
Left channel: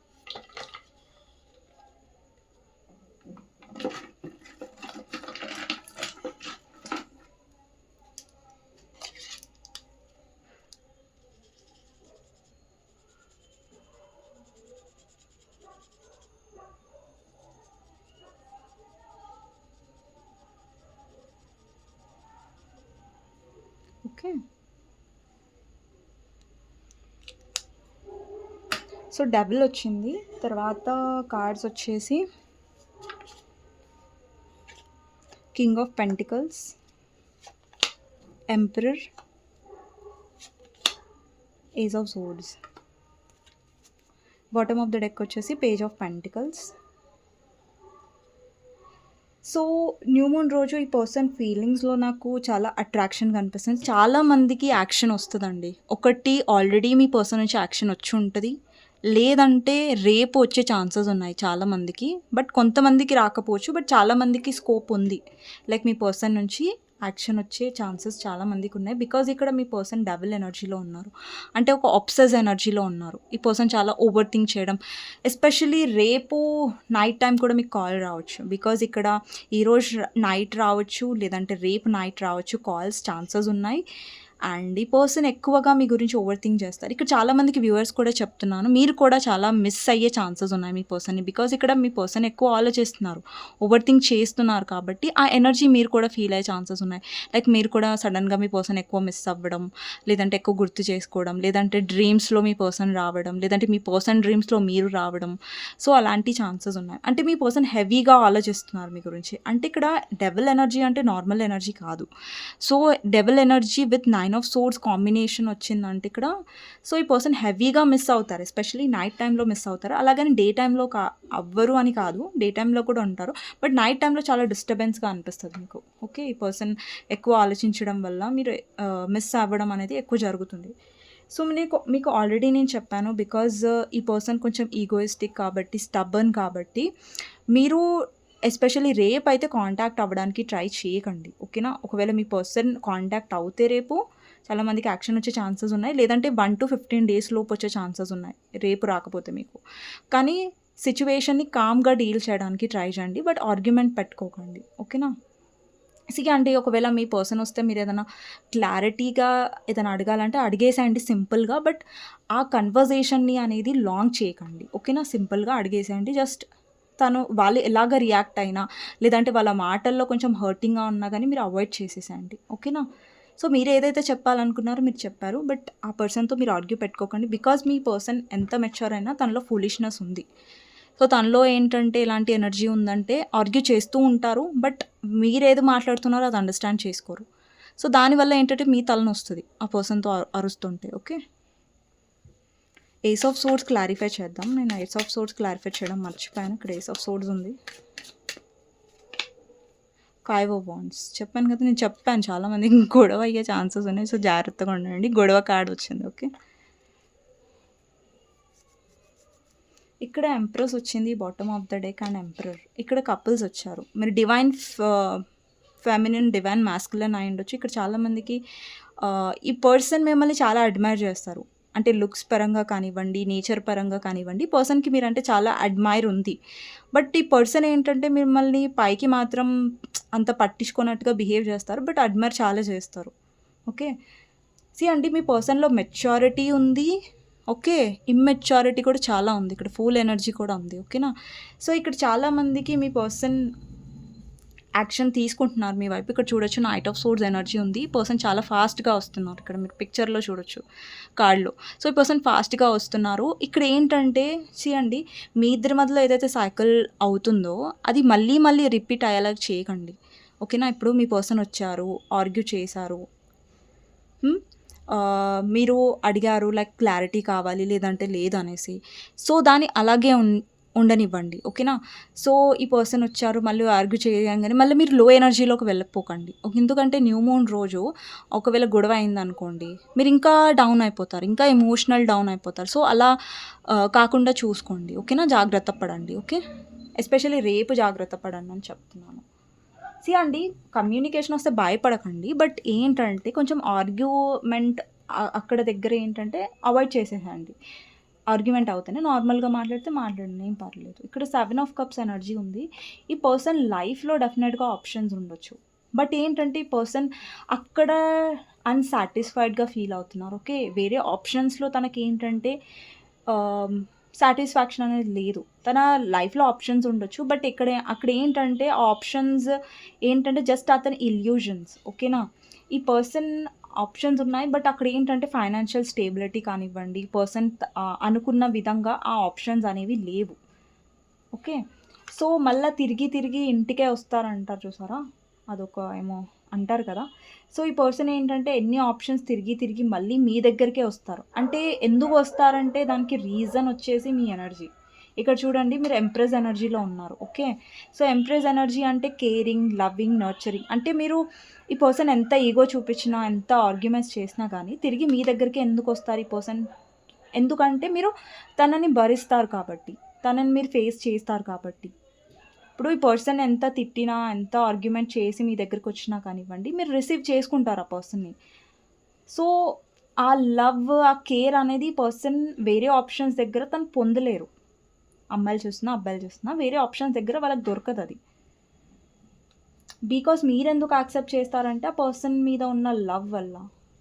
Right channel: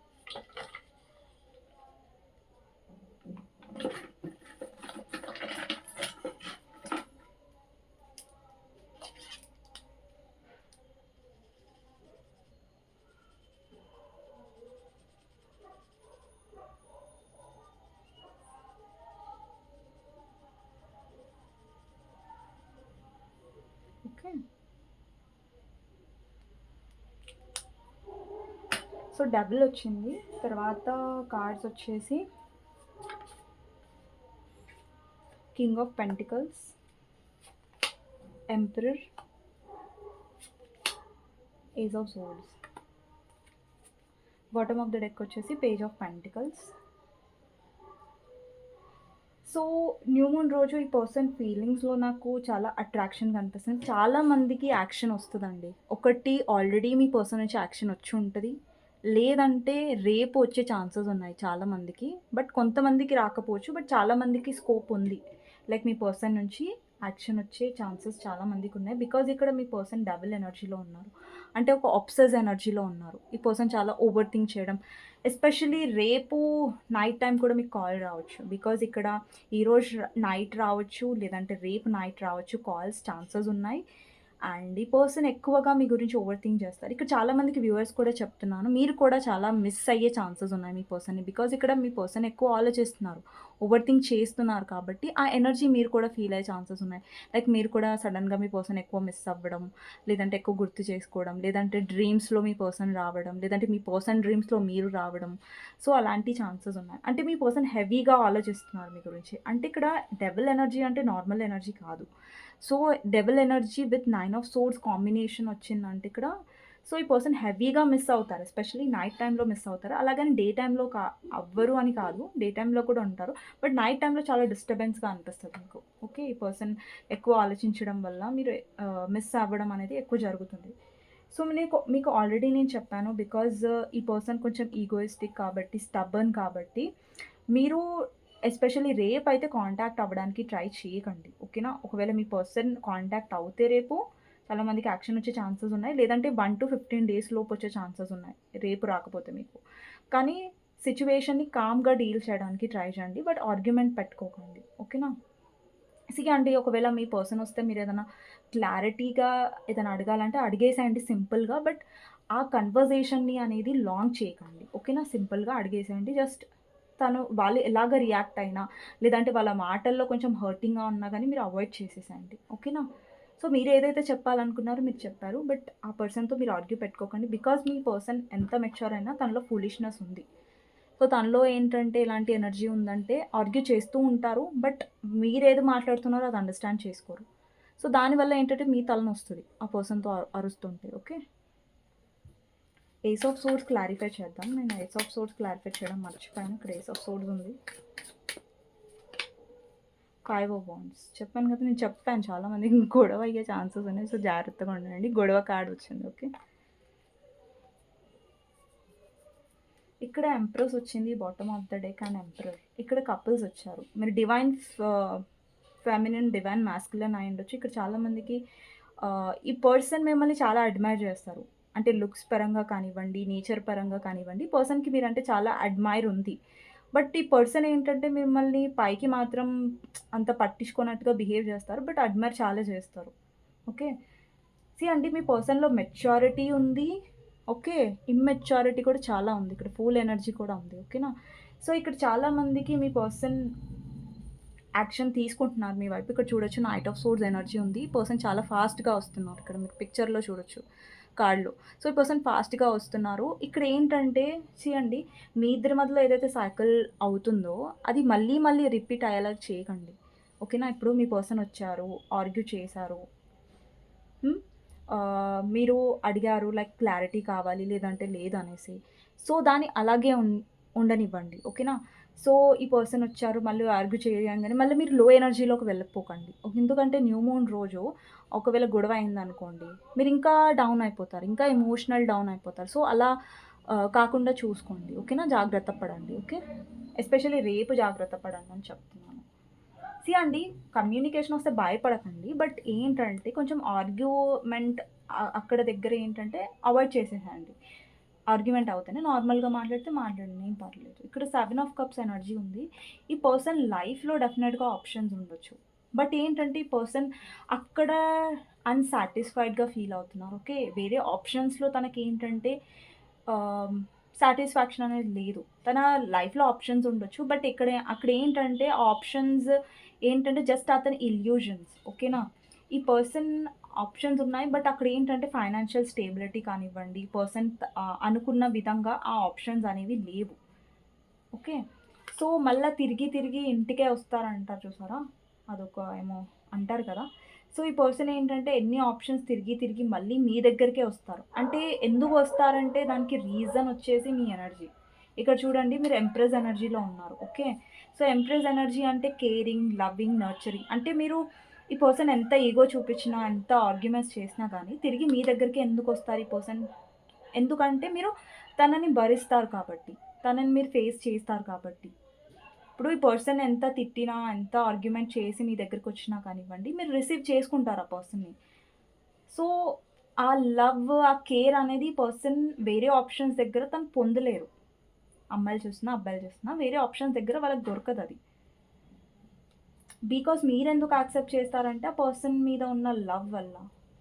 Okay, so double వచ్చింది. తర్వాత cards వచ్చేసి king of pentacles, emperor, ace of swords. Bottom of the deck వచ్చేసి page of pentacles. So new moon రోజు ఈ పర్సన్ ఫీలింగ్స్లో నాకు చాలా అట్రాక్షన్ కనిపిస్తుంది. చాలామందికి యాక్షన్ వస్తుందండి. ఒకటి ఆల్రెడీ మీ పర్సన్ నుంచి యాక్షన్ వచ్చి ఉంటుంది, లేదంటే రేపు వచ్చే ఛాన్సెస్ ఉన్నాయి చాలామందికి. బట్ కొంతమందికి రాకపోవచ్చు, బట్ చాలామందికి స్కోప్ ఉంది. లైక్ మీ పర్సన్ నుంచి యాక్షన్ వచ్చే ఛాన్సెస్ చాలామందికి ఉన్నాయి. బికాజ్ ఇక్కడ మీ పర్సన్ డబుల్ ఎనర్జీలో ఉన్నారు, అంటే ఒక ఆబ్సెస్ ఎనర్జీలో ఉన్నారు. ఈ పర్సన్ చాలా ఓవర్ థింక్ చేయడం, ఎస్పెషల్లీ రేపు నైట్ టైం కూడా మీకు కాల్ రావచ్చు. బికాజ్ ఇక్కడ ఈరోజు నైట్ రావచ్చు, లేదంటే రేపు నైట్ రావచ్చు, కాల్స్ ఛాన్సెస్ ఉన్నాయి. అండ్ ఈ పర్సన్ ఎక్కువగా మీ గురించి ఓవర్ థింక్ చేస్తారు. ఇక్కడ చాలామందికి వ్యూవర్స్ కూడా చెప్తున్నాను, మీరు కూడా చాలా మిస్ అయ్యే ఛాన్సెస్ ఉన్నాయి మీ పర్సన్ని. బికాజ్ ఇక్కడ మీ పర్సన్ ఎక్కువ ఆలోచిస్తున్నారు, ఓవర్ థింక్ చేస్తున్నారు. కాబట్టి ఆ ఎనర్జీ మీరు కూడా ఫీల్ అయ్యే ఛాన్సెస్ ఉన్నాయి. లైక్ మీరు కూడా సడన్గా మీ పర్సన్ ఎక్కువ మిస్ అవ్వడం, లేదంటే ఎక్కువ గుర్తు చేసుకోవడం, లేదంటే డ్రీమ్స్లో మీ పర్సన్ రావడం, లేదంటే మీ పర్సన్ డ్రీమ్స్లో మీరు రావడం. సో అలాంటి ఛాన్సెస్ ఉన్నాయి. అంటే మీ పర్సన్ హెవీగా ఆలోచిస్తున్నారు మీ గురించి. అంటే ఇక్కడ డబుల్ ఎనర్జీ అంటే నార్మల్ ఎనర్జీ కాదు. So double energy with 9 of swords combination వచ్చిందంటే ఇక్కడ, సో ఈ పర్సన్ హెవీగా మిస్ అవుతారు. ఎస్పెషల్లీ నైట్ టైంలో మిస్ అవుతారు. అలాగని డే టైంలో అవ్వరు అని కాదు, డే టైంలో కూడా ఉంటారు. బట్ నైట్ టైంలో చాలా డిస్టర్బెన్స్గా అనిపిస్తుంది మీకు. ఓకే, ఈ పర్సన్ ఎక్కువ ఆలోచించడం వల్ల మీరు మిస్ అవ్వడం అనేది ఎక్కువ జరుగుతుంది. సో మీకు ఆల్రెడీ నేను చెప్పాను, బికాజ్ ఈ పర్సన్ కొంచెం ఈగోయిస్టిక్ కాబట్టి, స్టబర్న్ కాబట్టి, మీరు ఎస్పెషల్లీ రేపు అయితే కాంటాక్ట్ అవ్వడానికి ట్రై చేయకండి. ఓకేనా, ఒకవేళ మీ పర్సన్ కాంటాక్ట్ అవుతే రేపు చాలామందికి యాక్షన్ వచ్చే ఛాన్సెస్ ఉన్నాయి, లేదంటే 1 to 15 days లోపు వచ్చే ఛాన్సెస్ ఉన్నాయి రేపు రాకపోతే మీకు. కానీ సిచ్యువేషన్ని కామ్గా డీల్ చేయడానికి ట్రై చేయండి, బట్ ఆర్గ్యుమెంట్ పెట్టుకోకండి. ఓకేనా, అంటే ఒకవేళ మీ పర్సన్ వస్తే మీరు ఏదైనా క్లారిటీగా ఏదైనా అడగాలంటే అడిగేసేయండి సింపుల్గా. బట్ ఆ కన్వర్జేషన్ని అనేది లాంగ్ చేయకండి. ఓకేనా, సింపుల్గా అడిగేసేయండి. జస్ట్ వాళ్ళు ఎలాగ రియాక్ట్ అయినా, లేదంటే వాళ్ళ మాటల్లో కొంచెం హర్టింగ్గా ఉన్నా కానీ మీరు అవాయిడ్ చేసేసేయండి. ఓకేనా, సో మీరు ఏదైతే చెప్పాలనుకున్నారో మీరు చెప్పారు, బట్ ఆ పర్సన్తో మీరు ఆర్గ్యూ పెట్టుకోకండి. బికాజ్ మీ పర్సన్ ఎంత మెచ్యూర్ అయినా తనలో ఫూలిష్నెస్ ఉంది. సో తనలో ఏంటంటే ఎలాంటి ఎనర్జీ ఉందంటే ఆర్గ్యూ చేస్తూ ఉంటారు, బట్ మీరేది మాట్లాడుతున్నారో అది అండర్స్టాండ్ చేసుకోరు. సో దానివల్ల ఏంటంటే మీ తలను వస్తుంది ఆ పర్సన్తో అరుస్తుంటే. Okay, ace of swords clarify చేద్దాం. నేను ఏస్ ఆఫ్ సోర్డ్స్ క్లారిఫై చేయడం మర్చిపోయాను. ఇక్కడ ఏస్ ఆఫ్ సోర్డ్స్ ఉంది, 5 ఆఫ్ వాండ్స్. చెప్పాను కదా, నేను చెప్పాను చాలామంది గొడవ అయ్యే ఛాన్సెస్ ఉన్నాయి. సో జాగ్రత్తగా ఉండండి. గొడవ కార్డ్ వచ్చింది. ఓకే, ఇక్కడ ఎంప్రెస్ వచ్చింది, bottom of the deck and emperor. ఇక్కడ కపుల్స్ వచ్చారు. మీరు డివైన్ ఫెమినిన్, డివైన్ మాస్కులైన్ అయి ఉండొచ్చు. ఇక్కడ చాలామందికి ఈ పర్సన్ మిమ్మల్ని చాలా అడ్మైర్ చేస్తారు. అంటే లుక్స్ పరంగా కానివ్వండి, నేచర్ పరంగా కానివ్వండి, పర్సన్కి మీరంటే చాలా అడ్మైర్ ఉంది. బట్ ఈ పర్సన్ ఏంటంటే మిమ్మల్ని పైకి మాత్రం అంత పట్టించుకున్నట్టుగా బిహేవ్ చేస్తారు, బట్ అడ్మైర్ చాలా చేస్తారు. ఓకే, అంటే మీ పర్సన్లో మెచ్యూరిటీ ఉంది. ఓకే, ఇమ్మెచ్యూరిటీ కూడా చాలా ఉంది. ఇక్కడ ఫుల్ ఎనర్జీ కూడా ఉంది. ఓకేనా, సో ఇక్కడ చాలామందికి మీ పర్సన్ యాక్షన్ తీసుకుంటున్నారు మీ వైపు. ఇక్కడ చూడొచ్చు నైట్ ఆఫ్ సోర్డ్స్ ఎనర్జీ ఉంది. ఈ పర్సన్ చాలా ఫాస్ట్‌గా వస్తున్నారు. ఇక్కడ మీరు పిక్చర్‌లో చూడొచ్చు కార్డ్‌లో. సో, ఈ పర్సన్ ఫాస్ట్‌గా వస్తున్నారు. ఇక్కడ ఏంటంటే అండి, మీ ఇద్దరి మధ్యలో ఏదైతే సైకిల్ అవుతుందో అది మళ్ళీ మళ్ళీ రిపీట్ అయ్యేలాగా చేయకండి. ఓకేనా? ఇప్పుడు మీ పర్సన్ వచ్చారు, ఆర్గ్యూ చేశారు. మీరు అడిగారు లైక్ క్లారిటీ కావాలి లేదంటే లేదనేసి. సో, దాన్ని అలాగే ఉండనివ్వండి. ఓకేనా? సో, ఈ పర్సన్ వచ్చారు మళ్ళీ ఆర్గ్యూ చేయంగానే మళ్ళీ మీరు లో ఎనర్జీలోకి వెళ్ళిపోకండి. ఎందుకంటే న్యూ మూన్ రోజు ఒకవేళ గొడవ అయిందనుకోండి, మీరు ఇంకా డౌన్ అయిపోతారు. ఇంకా ఎమోషనల్ డౌన్ అయిపోతారు. సో, అలా కాకుండా చూసుకోండి. ఓకేనా? జాగ్రత్త పడండి. ఓకే? ఎస్పెషల్లీ రేపు జాగ్రత్త పడండి అని చెప్తున్నాను. అండి, కమ్యూనికేషన్ వస్తే భయపడకండి. బట్ ఏంటంటే కొంచెం ఆర్గ్యుమెంట్ అక్కడ దగ్గర ఏంటంటే అవాయిడ్ చేసేసేయండి. ఆర్గ్యుమెంట్ అవుతేనే నార్మల్‌గా మాట్లాడితే మాట్లాడండి, ఏం పర్లేదు. ఇక్కడ 7 ఆఫ్ కప్స్ ఎనర్జీ ఉంది. ఈ పర్సన్ లైఫ్‌లో డెఫినెట్‌గా ఆప్షన్స్ ఉండొచ్చు. బట్ ఏంటంటే ఈ పర్సన్ అక్కడ అన్‌సాటిస్ఫైడ్‌గా ఫీల్ అవుతున్నారు. ఓకే. వేరే ఆప్షన్స్‌లో తనకేంటంటే ఆహ్, సాటిస్ఫాక్షన్ అనేది లేదు. తన లైఫ్‌లో ఆప్షన్స్ ఉండొచ్చు. బట్ అక్కడ ఏంటంటే ఆ ఆప్షన్స్ ఏంటంటే జస్ట్ అతని ఇల్యూజన్స్. ఓకేనా? ఈ పర్సన్ ఆప్షన్స్ ఉన్నాయి. బట్ అక్కడ ఏంటంటే ఫైనాన్షియల్ స్టేబిలిటీ కానివ్వండి, పర్సన్ అనుకున్న విధంగా ఆ ఆప్షన్స్ అనేవి లేవు. ఓకే. సో, మళ్ళా తిరిగి తిరిగి ఇంటికే వస్తారంటారు చూసారా? అదొక ఏమో అంటారు కదా! సో, ఈ పర్సన్ ఏంటంటే ఎన్ని ఆప్షన్స్ తిరిగి తిరిగి మళ్ళీ మీ దగ్గరికే వస్తారు. అంటే ఎందుకు వస్తారంటే దానికి రీజన్ వచ్చేసి మీ ఎనర్జీ. ఇక్కడ చూడండి మీరు ఎంప్రెస్ ఎనర్జీలో ఉన్నారు. ఓకే. సో, ఎంప్రెస్ ఎనర్జీ అంటే కేరింగ్, లవింగ్, నర్చరింగ్. అంటే మీరు ఈ పర్సన్ ఎంత ఈగో చూపించినా, ఎంత ఆర్గ్యుమెంట్స్ చేసినా గానీ తిరిగి మీ దగ్గరికే ఎందుకొస్తారు ఈ పర్సన్? ఎందుకంటే మీరు తనని భరిస్తారు కాబట్టి. తనని మీరు ఫేస్ చేస్తారు కాబట్టి. ఇప్పుడు ఈ పర్సన్ ఎంత తిట్టినా, ఎంత ఆర్గ్యుమెంట్ చేసి మీ దగ్గరకొచ్చినా కానివ్వండి, మీరు రిసీవ్ చేసుకుంటారు ఆ పర్సన్‌ని. సో, ఆ లవ్, ఆ కేర్ అనేది పర్సన్ వేరే ఆప్షన్స్ దగ్గర తను పొందలేరు. అమ్మాయిలు చూసినా, అబ్బాయిలు చూసినా వేరే ఆప్షన్స్ దగ్గర వాళ్ళకి దొరకదది. బికాజ్ మీరెందుకు యాక్సెప్ట్ చేస్తారంటే, ఆ పర్సన్ మీద ఉన్న లవ్ వల్ల.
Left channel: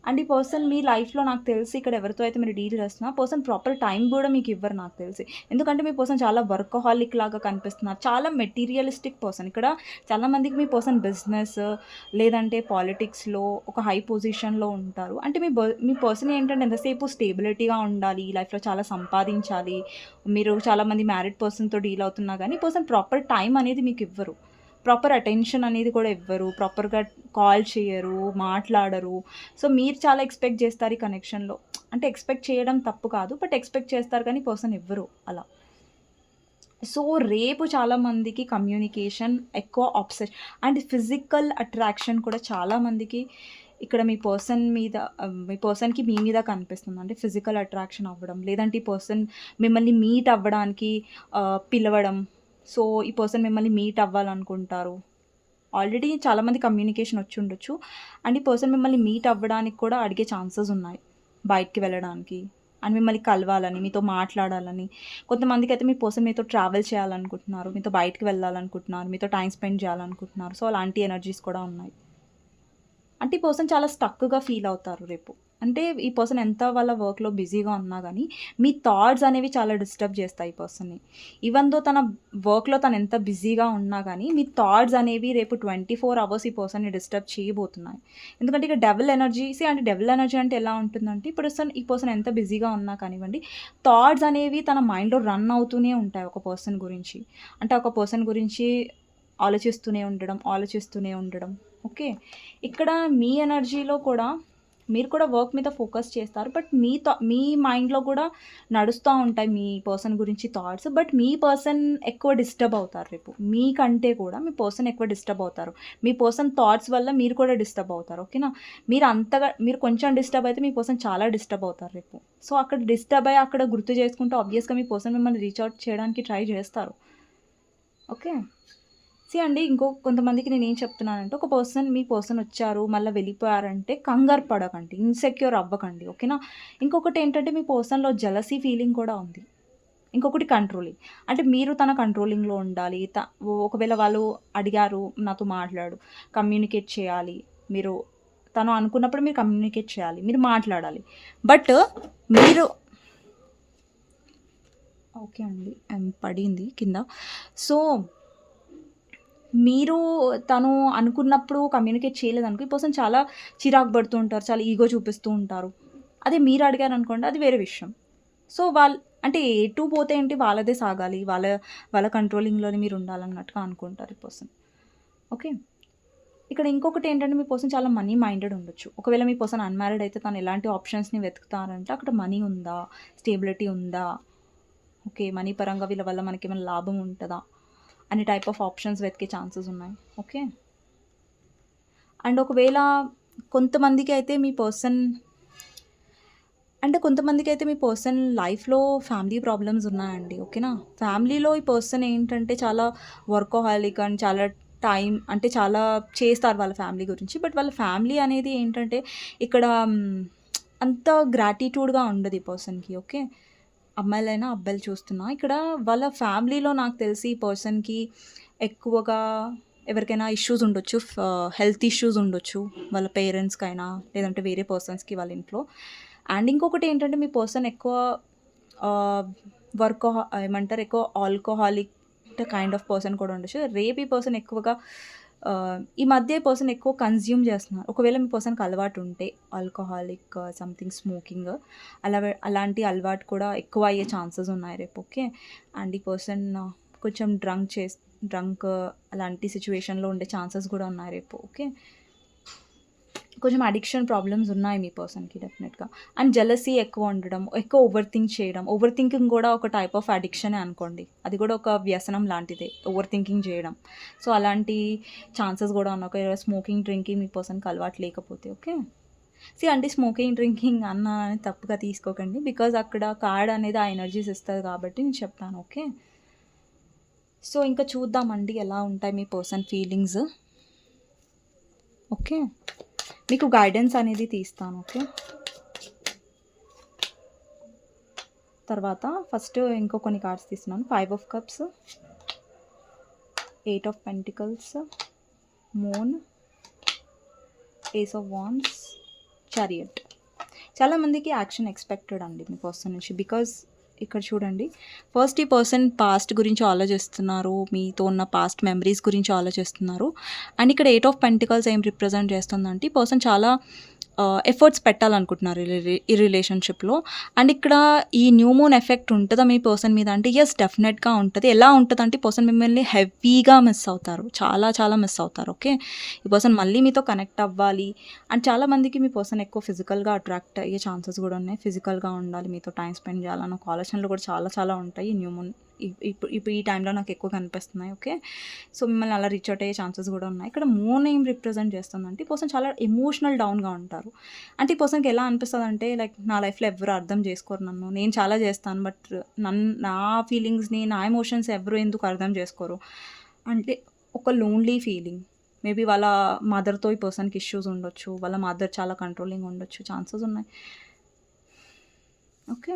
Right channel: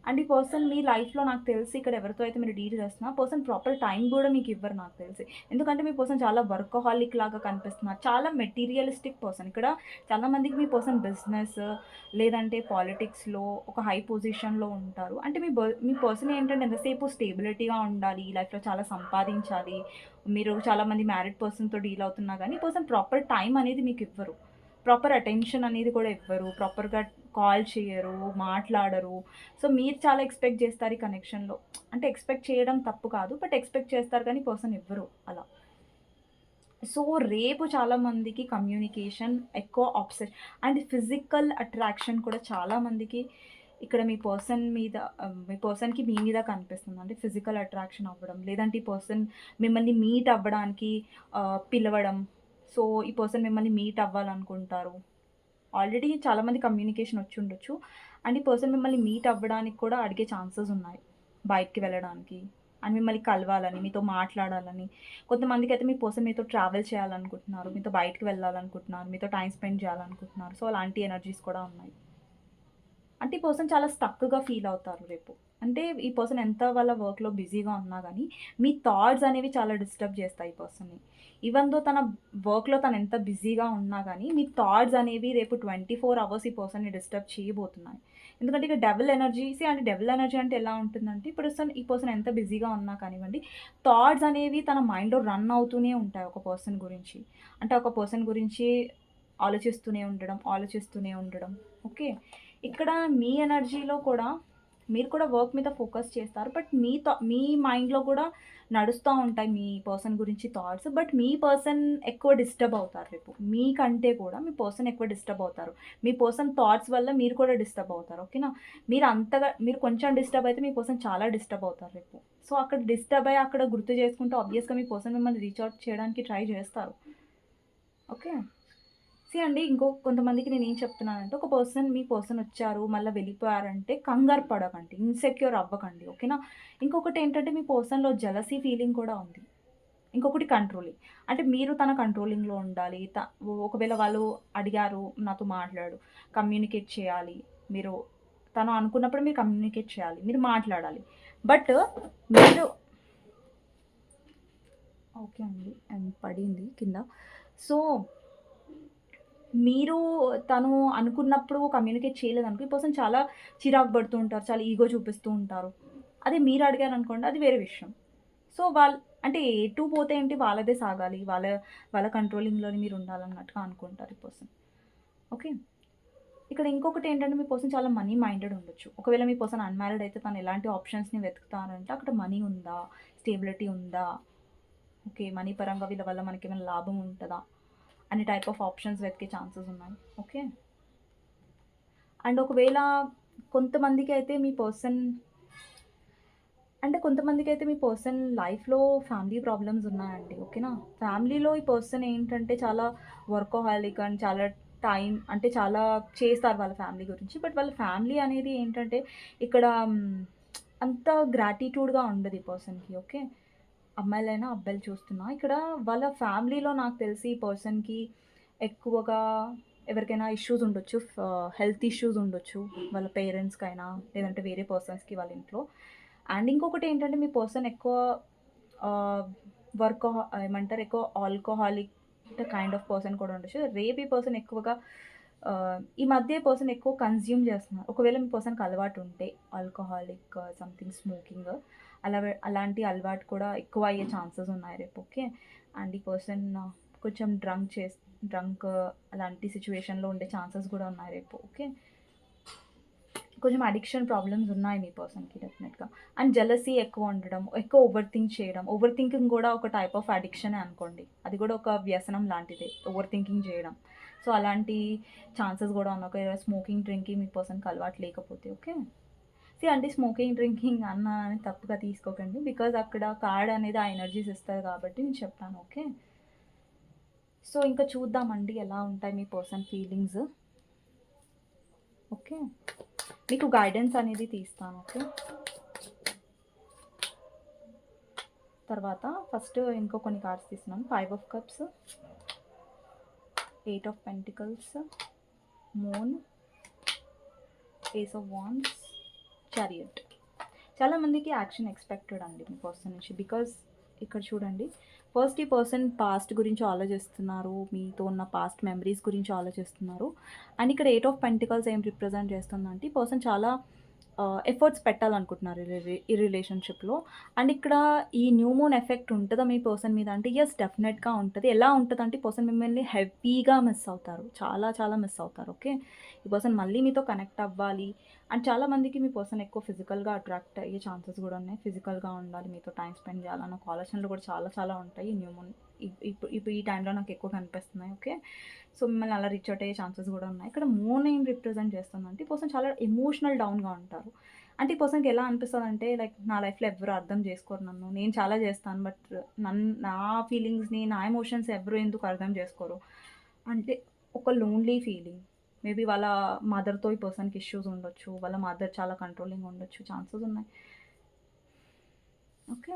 అండ్ ఈ పర్సన్ మీ లైఫ్‌లో నాకు తెలిసి ఇక్కడ ఎవరితో అయితే మీరు డీల్ చేస్తున్నా, ఆ పర్సన్ ప్రాపర్ టైం గూడా మీకివ్వరు నాకు తెలిసి. ఎందుకంటే మీ పర్సన్ చాలా వర్కహాలిక్ లాగా కనిపిస్తున్నారు. చాలా మెటీరియలిస్టిక్ పర్సన్. ఇక్కడ చాలా మందికి మీ పర్సన్ బిజినెస్ లేదంటే పాలిటిక్స్‌లో ఒక హై పొజిషన్‌లో ఉంటారు. అంటే మీ పర్సన్ ఏంటంటే ఎంతసేపు స్టేబిలిటీగా ఉండాలి, లైఫ్‌లో చాలా సంపాదించాలి. మీరు చాలా మంది మ్యారీడ్ పర్సన్‌తో డీల్ అవుతున్నా గానీ, ఈ పర్సన్ ప్రాపర్ టైం అనేది మీకివ్వరు. ప్రాపర్ అటెన్షన్ అనేది కూడా ఇవ్వరు. ప్రాపర్‌గా కాల్ చేయరు, మాట్లాడరు. సో, మీరు చాలా ఎక్స్‌పెక్ట్ జేస్తారు ఈ కనెక్షన్‌లో. అంటే ఎక్స్‌పెక్ట్ చేయడం తప్పు కాదు. బట్ ఎక్స్‌పెక్ట్ చేస్తారు కానీ పర్సన్ ఇవ్వరు అలా. సో, రేపు చాలా మందికి కమ్యూనికేషన్ ఎక్కువ అండ్ ఫిజికల్ అట్రాక్షన్ కూడా చాలా మందికి ఇక్కడ మీ పర్సన్‌కి మీ మీద కనిపిస్తుంది. అంటే ఫిజికల్ అట్రాక్షన్ అవ్వడం, లేదంటే ఈ పర్సన్ మిమ్మల్ని మీట్ అవ్వడానికి పిలవడం. సో, ఈ పర్సన్ మిమ్మల్ని మీట్ అవ్వాలనుకుంటారు. ఆల్రెడీ చాలామంది కమ్యూనికేషన్ వచ్చుండొచ్చు. అండ్ ఈ పర్సన్ మిమ్మల్ని మీట్ అవ్వడానికి కూడా అడిగే ఛాన్సెస్ ఉన్నాయి. బయటికి వెళ్ళడానికి. అండ్ మిమ్మల్ని కలవాలని, మీతో మాట్లాడాలని. కొంతమందికైతే మీ పర్సన్ మీతో ట్రావెల్ చేయాలనుకుంటున్నారు. మీతో బయటికి వెళ్ళాలనుకుంటున్నారు. మీతో టైమ్ స్పెండ్ చేయాలనుకుంటున్నారు. సో, అలాంటి ఎనర్జీస్ కూడా ఉన్నాయి. అంటే ఈ పర్సన్ చాలా స్టక్‌గా ఫీల్ అవుతారు రేపు. అంటే ఈ పర్సన్ ఎంత వాళ్ళ వర్క్‌లో బిజీగా ఉన్నా గానీ, మీ థాట్స్ అనేవి చాలా డిస్టర్బ్ చేస్తాయి ఈ పర్సన్‌ని. ఈవెన్ దో తన వర్క్‌లో తను ఎంత బిజీగా ఉన్నా గానీ, మీ థాట్స్ అనేవి రేపు 24 అవర్స్ ఈ పర్సన్‌ని డిస్టర్బ్ చేయబోతున్నాయి. ఎందుకంటే ఇక డెవిల్ ఎనర్జీ అంటే డెవిల్ ఎనర్జీ అంటే ఎలా ఉంటుందంటే, ఈ పర్సన్ ఎంత బిజీగా ఉన్నా కానివ్వండి, థాట్స్ అనేవి తన మైండ్‌లో రన్ అవుతూనే ఉంటాయి ఒక పర్సన్ గురించి. అంటే ఒక పర్సన్ గురించి ఆలోచిస్తూనే ఉండడం. ఓకే. ఇక్కడ మీ ఎనర్జీలో కూడా మీరు కూడా వర్క్ మీద ఫోకస్ చేస్తారు. బట్ మీ మైండ్‌లో కూడా నడుస్తా ఉంటాయి మీ పర్సన్ గురించి థాట్స్. బట్ మీ పర్సన్ ఎక్కువ డిస్టర్బ్ అవుతారు రేపు. మీకంటే కూడా మీ పర్సన్ ఎక్కువ డిస్టర్బ్ అవుతారు. మీ పర్సన్ థాట్స్ వల్ల మీరు కూడా డిస్టర్బ్ అవుతారు. ఓకేనా? మీరు కొంచెం డిస్టర్బ్ అయితే మీ పర్సన్ చాలా డిస్టర్బ్ అవుతారు రేపు. సో, అక్కడ డిస్టర్బ్ అయ్యి అక్కడ గుర్తు చేసుకుంటే ఆబ్వియస్‌గా మీ పర్సన్ మిమ్మల్ని రీచ్ ఔట్ చేయడానికి ట్రై చేస్తారు. ఓకే. అండి, కొంతమందికి నేనేం చెప్తున్నానంటే, మీ పర్సన్ వచ్చారు, మళ్ళా వెళ్ళిపోయారంటే కంగారు పడకండి. ఇన్‌సెక్యూర్ అవ్వకండి. ఓకేనా? ఇంకొకటేంటంటే మీ పర్సన్‌లో జెలసీ ఫీలింగ్ కూడా ఉంది. ఇంకొకటి కంట్రోలింగ్. అంటే మీరు తన కంట్రోలింగ్‌లో ఉండాలి. ఒకవేళ వాళ్ళు అడిగారు నాతో మాట్లాడు, కమ్యూనికేట్ చేయాలి. మీరు తను అనుకున్నప్పుడు మీరు కమ్యూనికేట్ చేయాలి. మీరు మాట్లాడాలి. బట్ మీరు ఓకే అండి. పడింది కింద. సో మీరు తను అనుకున్నప్పుడు కమ్యూనికేట్ చేయలేదనుకో, ఈ పర్సన్ చాలా చిరాకు పడుతూ ఉంటారు. చాలా ఈగో చూపిస్తూ ఉంటారు. అదే మీరు అడిగారనుకోండి అది వేరే విషయం. సో, అంటే ఎటు పోతే ఏంటి వాళ్ళదే సాగాలి. వాళ్ళ కంట్రోలింగ్‌లోనే మీరుండాలన్నట్టుగా అనుకుంటారు ఈ పర్సన్. ఓకే. ఇక్కడ ఇంకొకటేంటంటే మీ పర్సన్ చాలా మనీ మైండెడ్ ఉండొచ్చు. ఒకవేళ మీ పర్సన్ అన్‌మ్యారీడ్ అయితే తను ఎలాంటి ఆప్షన్స్‌ని వెతుకుతారంటే అక్కడ మనీ ఉందా? స్టేబిలిటీ ఉందా? ఓకే. మనీ పరంగా వీళ్ళ వల్ల మనకేమైనా లాభం ఉంటదా? అనే టైప్ ఆఫ్ ఆప్షన్స్ వెతికే ఛాన్సెస్ ఉన్నాయి. ఓకే. అండ్ ఒకవేళ కొంతమందికైతే మీ పర్సన్ కొంతమందికైతే మీ పర్సన్ లైఫ్‌లో ఫ్యామిలీ ప్రాబ్లమ్స్ ఉన్నాయండి. ఓకేనా? ఫ్యామిలీలో ఈ పర్సన్ ఏంటంటే చాలా వర్కోహాలిక్ అండ్ చాలా టైం అంటే చాలా చేస్తారు వాళ్ళ ఫ్యామిలీ గురించి. బట్ వాళ్ళ ఫ్యామిలీ అనేది ఏంటంటే ఇక్కడ అంత గ్రాటిట్యూడ్‌గా ఉండదు ఈ పర్సన్‌కి. ఓకే. అమ్మాయిలైనా, అబ్బాయిలు చూస్తున్నా. ఇక్కడ వాళ్ళ ఫ్యామిలీలో నాకు తెలిసి ఈ పర్సన్‌కి ఎక్కువగా ఎవరికైనా ఇష్యూస్ ఉండొచ్చు. హెల్త్ ఇష్యూస్ ఉండొచ్చు. వాళ్ళ పేరెంట్స్‌కైనా, లేదంటే వేరే పర్సన్స్‌కి వాళ్ళ ఇంట్లో. అండ్ ఇంకొకటేంటంటే మీ పర్సన్ ఎక్కువ ఆహ్, ఏమంటారు ఎక్కువ ఆల్కహాలిక్ కైండ్ ఆఫ్ పర్సన్ కూడా ఉండొచ్చు. రేపు ఈ పర్సన్ ఎక్కువగా ఈ మధ్య ఈ పర్సన్ ఎక్కువ కన్జ్యూమ్ చేస్తున్నారు. ఒకవేళ మీ పర్సన్‌కి అలవాటు ఉంటే ఆల్కహాలిక్ సంథింగ్ స్మోకింగ్ అలాంటి అలవాటు కూడా ఎక్కువ అయ్యే ఛాన్సెస్ ఉన్నాయి రేపు. ఓకే. అండ్ ఈ పర్సన్ కొంచెం డ్రంక్ అలాంటి సిట్యుయేషన్‌లో ఉండే ఛాన్సెస్ కూడా ఉన్నాయి రేపు. ఓకే. కొంచెం అడిక్షన్ ప్రాబ్లమ్స్ ఉన్నాయి మీ పర్సన్‌కి డెఫినెట్‌గా. అండ్ జెలసీ ఎక్కువ ఉండడం, ఎక్కువ ఓవర్ థింక్ చేయడం. ఓవర్ థింకింగ్ కూడా ఒక టైప్ ఆఫ్ అడిక్షనే అనుకోండి. అది కూడా ఒక వ్యసనం లాంటిదే. ఓవర్ థింకింగ్ చేయడం. సో, అలాంటి ఛాన్సెస్ కూడా ఉన్నాయి. ఒకవేళ స్మోకింగ్, డ్రింకింగ్ మీ పర్సన్‌కి అలవాటు లేకపోతే. ఓకే. అంటే స్మోకింగ్, డ్రింకింగ్ అన్నానని తప్పుగా తీసుకోకండి. బికాజ్ అక్కడ కార్డ్ అనేది ఆ ఎనర్జీస్ ఇస్తది కాబట్టి నేను చెప్తాను. ఓకే. సో, ఇంకా చూద్దామండి ఎలా ఉంటాయి మీ పర్సన్ ఫీలింగ్స్. ఓకే. మీకు గైడెన్స్ అనేది తీస్తాను. ఓకే. తర్వాత ఫస్ట్ ఇంకో కొన్ని కార్డ్స్ తీస్తున్నాను. 5 of cups, 8 of pentacles, moon, ace of wands, chariot. చాలామందికి యాక్షన్ ఎక్స్పెక్టెడ్ అండి మీ పర్సన్ నుంచి. బికాజ్ ఇక్కడ చూడండి, ఫస్ట్ ఈ పర్సన్ పాస్ట్ గురించి ఆలోచిస్తున్నారు. మీతో ఉన్న పాస్ట్ మెమరీస్ గురించి ఆలోచిస్తున్నారు. అండ్ ఇక్కడ 8 ఆఫ్ పెంటికల్స్ ఏం రిప్రజెంట్ చేస్తుందంటే ఈ పర్సన్ చాలా ఎఫర్ట్స్ పెట్టాలనుకుంటున్నారు ఈ రిలేషన్షిప్‌లో. అండ్ ఇక్కడ ఈ న్యూ మూన్ ఎఫెక్ట్ ఉంటదా మీ పర్సన్ మీద అంటే యెస్ డెఫినెట్‌గా ఉంటది. ఎలా ఉంటదంటే ఈ పర్సన్ మిమ్మల్ని హెవీగా మిస్ అవుతారు. చాలా చాలా మిస్ అవుతారు. ఓకే. ఈ పర్సన్ మళ్ళీ మీతో కనెక్ట్ అవ్వాలి. అండ్ చాలామందికి మీ పర్సన్ ఎక్కువ ఫిజికల్‌గా అట్రాక్ట్ అయ్యే ఛాన్సెస్ కూడా ఉన్నాయి. ఫిజికల్‌గా ఉండాలి, మీతో టైమ్ స్పెండ్ చేయాలన్న ఒక ఆలోచనలు కూడా చాలా చాలా ఉంటాయి. న్యూ మూన్ ఇప్పుడు ఈ టైంలో నాకు ఎక్కువ కనిపిస్తున్నాయి. ఓకే. సో, మిమ్మల్ని అలా రీచ్ అవుట్ అయ్యే ఛాన్సెస్ కూడా ఉన్నాయి. ఇక్కడ మూన్ ఏం రిప్రజెంట్ చేస్తుందంటే ఈ పర్సన్ చాలా ఎమోషనల్ డౌన్‌గా ఉంటారు. అంటే ఈ పర్సన్‌కి ఎలా అనిపిస్తదంటే లైక్ నా లైఫ్‌లో ఎవ్వరు అర్థం చేసుకోరు నన్ను. నేను చాలా చేస్తాను. బట్ నా ఫీలింగ్స్‌ని, నా ఎమోషన్స్ ఎవరు ఎందుకు అర్థం చేసుకోరు. అంటే ఒక లోన్లీ ఫీలింగ్. మేబీ వాళ్ళ మదర్‌తో ఈ పర్సన్‌కి ఇష్యూస్ ఉండొచ్చు. వాళ్ళ మదర్ చాలా కంట్రోలింగ్ ఉండొచ్చు. ఛాన్సెస్ ఉన్నాయి. ఓకే.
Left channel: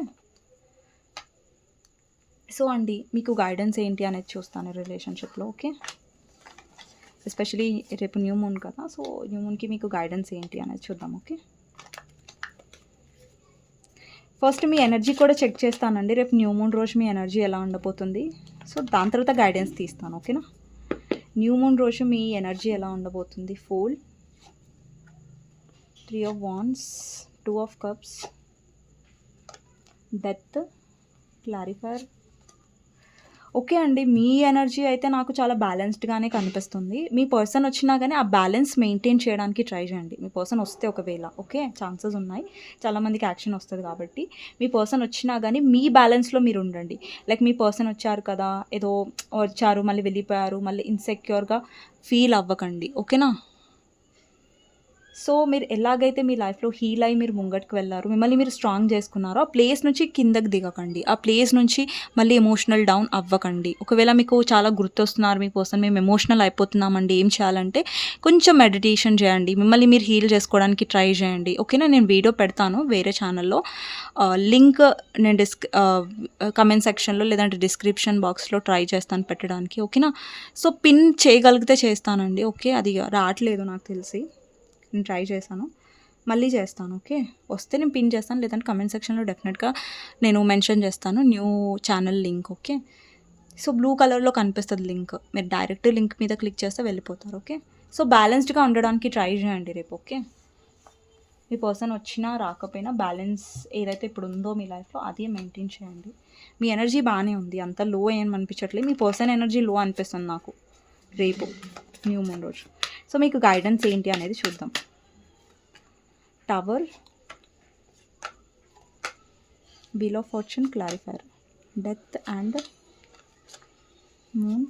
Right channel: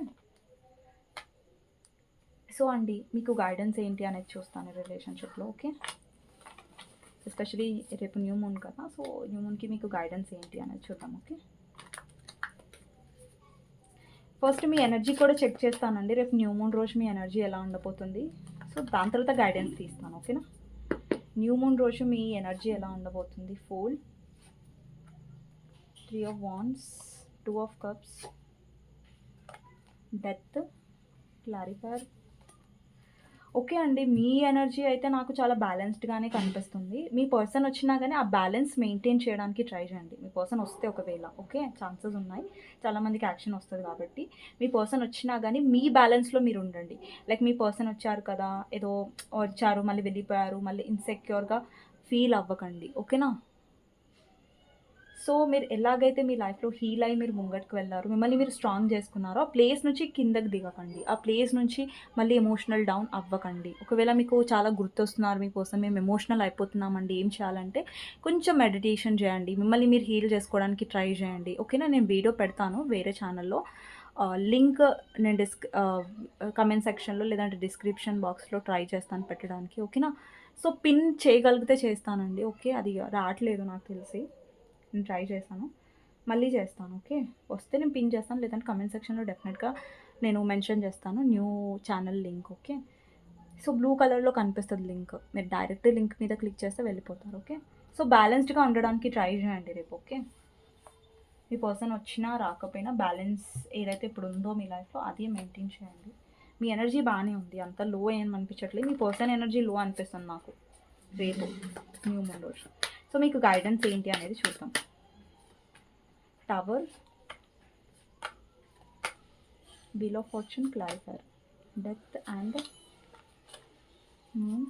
సో అండి, మీకు గైడెన్స్ ఏంటి అనేది చూస్తాను రిలేషన్‌షిప్‌లో. ఓకే. ఎస్పెషల్లీ రేపు న్యూ మూన్ కదా! సో, న్యూ మూన్‌కి మీకు గైడెన్స్ ఏంటి అనేది చూద్దాం. ఓకే. ఫస్ట్ మీ ఎనర్జీ కూడా చెక్ చేస్తానండి. రేపు న్యూ మూన్ రోజు మీ ఎనర్జీ ఎలా ఉండబోతుంది. సో, దాని తర్వాత గైడెన్స్ తీస్తాను. ఓకేనా. న్యూ మూన్ రోజు మీ ఎనర్జీ ఎలా ఉండబోతుంది. Fool, 3 of wands, 2 of cups, death, clarifier. Okay అండి. మీ ఎనర్జీ అయితే నాకు చాలా బ్యాలెన్స్డ్‌గానే కనిపిస్తుంది. మీ పర్సన్ వచ్చినా గానీ ఆ బ్యాలెన్స్ మెయింటైన్ చేయడానికి ట్రై చేయండి. మీ పర్సన్ వస్తే ఒకవేళ ఓకే. ఛాన్సెస్ ఉన్నాయి. చాలామందికి యాక్షన్ వస్తది కాబట్టి. మీ పర్సన్ వచ్చినా గానీ మీ బ్యాలెన్స్‌లో మీరుండండి. లైక్ మీ పర్సన్ వచ్చారు కదా! ఏదో వచ్చారు, మళ్ళీ వెళ్ళిపోయారు, మళ్ళీ ఇన్‌సెక్యూర్‌గా ఫీల్ అవ్వకండి. ఓకేనా. సో, మీరు ఎలాగైతే మీ లైఫ్‌లో హీల్ అయ్యి మీరు ముంగటికి వెళ్లారు, మిమ్మల్ని మీరు స్ట్రాంగ్ చేసుకున్నారో, ఆ ప్లేస్ నుంచి కిందకి దిగకండి. ఆ ప్లేస్ నుంచి మళ్ళీ ఎమోషనల్ డౌన్ అవ్వకండి. ఒకవేళ మీకు చాలా గుర్తొస్తున్నారు మీ పర్సన్, మేము ఎమోషనల్ అయిపోతున్నామండి, ఏం చేయాలంటే కొంచెం మెడిటేషన్ చేయండి. మిమ్మల్ని మీరు హీల్ చేసుకోవడానికి ట్రై చేయండి. ఓకేనా. నేను వీడియో పెడతాను వేరే ఛానల్‌లో. లింక్ నేను కమెంట్ సెక్షన్‌లో లేదంటే డిస్క్రిప్షన్ బాక్స్‌లో ట్రై చేస్తాను పెట్టడానికి. ఓకేనా. సో, పిన్ చేయగలిగితే చేస్తానండి. ఓకే. అది రాట్లేదు నాకు తెలిసి. నేను ట్రై చేశాను. మళ్ళీ చేస్తాను. ఓకే. వస్తే నేను పిన్ చేస్తాను. లేదంటే కమెంట్ సెక్షన్‌లో డెఫినెట్‌గా నేను మెన్షన్ చేస్తాను new channel link. Okay. So blue కలర్లో కనిపిస్తుంది లింక్, మీరు డైరెక్ట్ లింక్ మీద క్లిక్ చేస్తే వెళ్ళిపోతారు. ఓకే, సో బ్యాలెన్స్డ్గా ఉండడానికి ట్రై చేయండి రేపు. ఓకే, మీ పర్సన్ వచ్చినా రాకపోయినా బ్యాలెన్స్ ఏదైతే ఇప్పుడు ఉందో మీ లైఫ్లో అదే మెయింటైన్ చేయండి. మీ ఎనర్జీ బాగానే ఉంది, అంత లో ఏం అనిపించట్లేదు. మీ పర్సన్ ఎనర్జీ లో అనిపిస్తుంది నాకు రేపు న్యూ మూన్ రోజు. సో మీకు గైడెన్స్ ఏంటి అనేది చూద్దాం. Tower, wheel of fortune, clarifier, death and moon.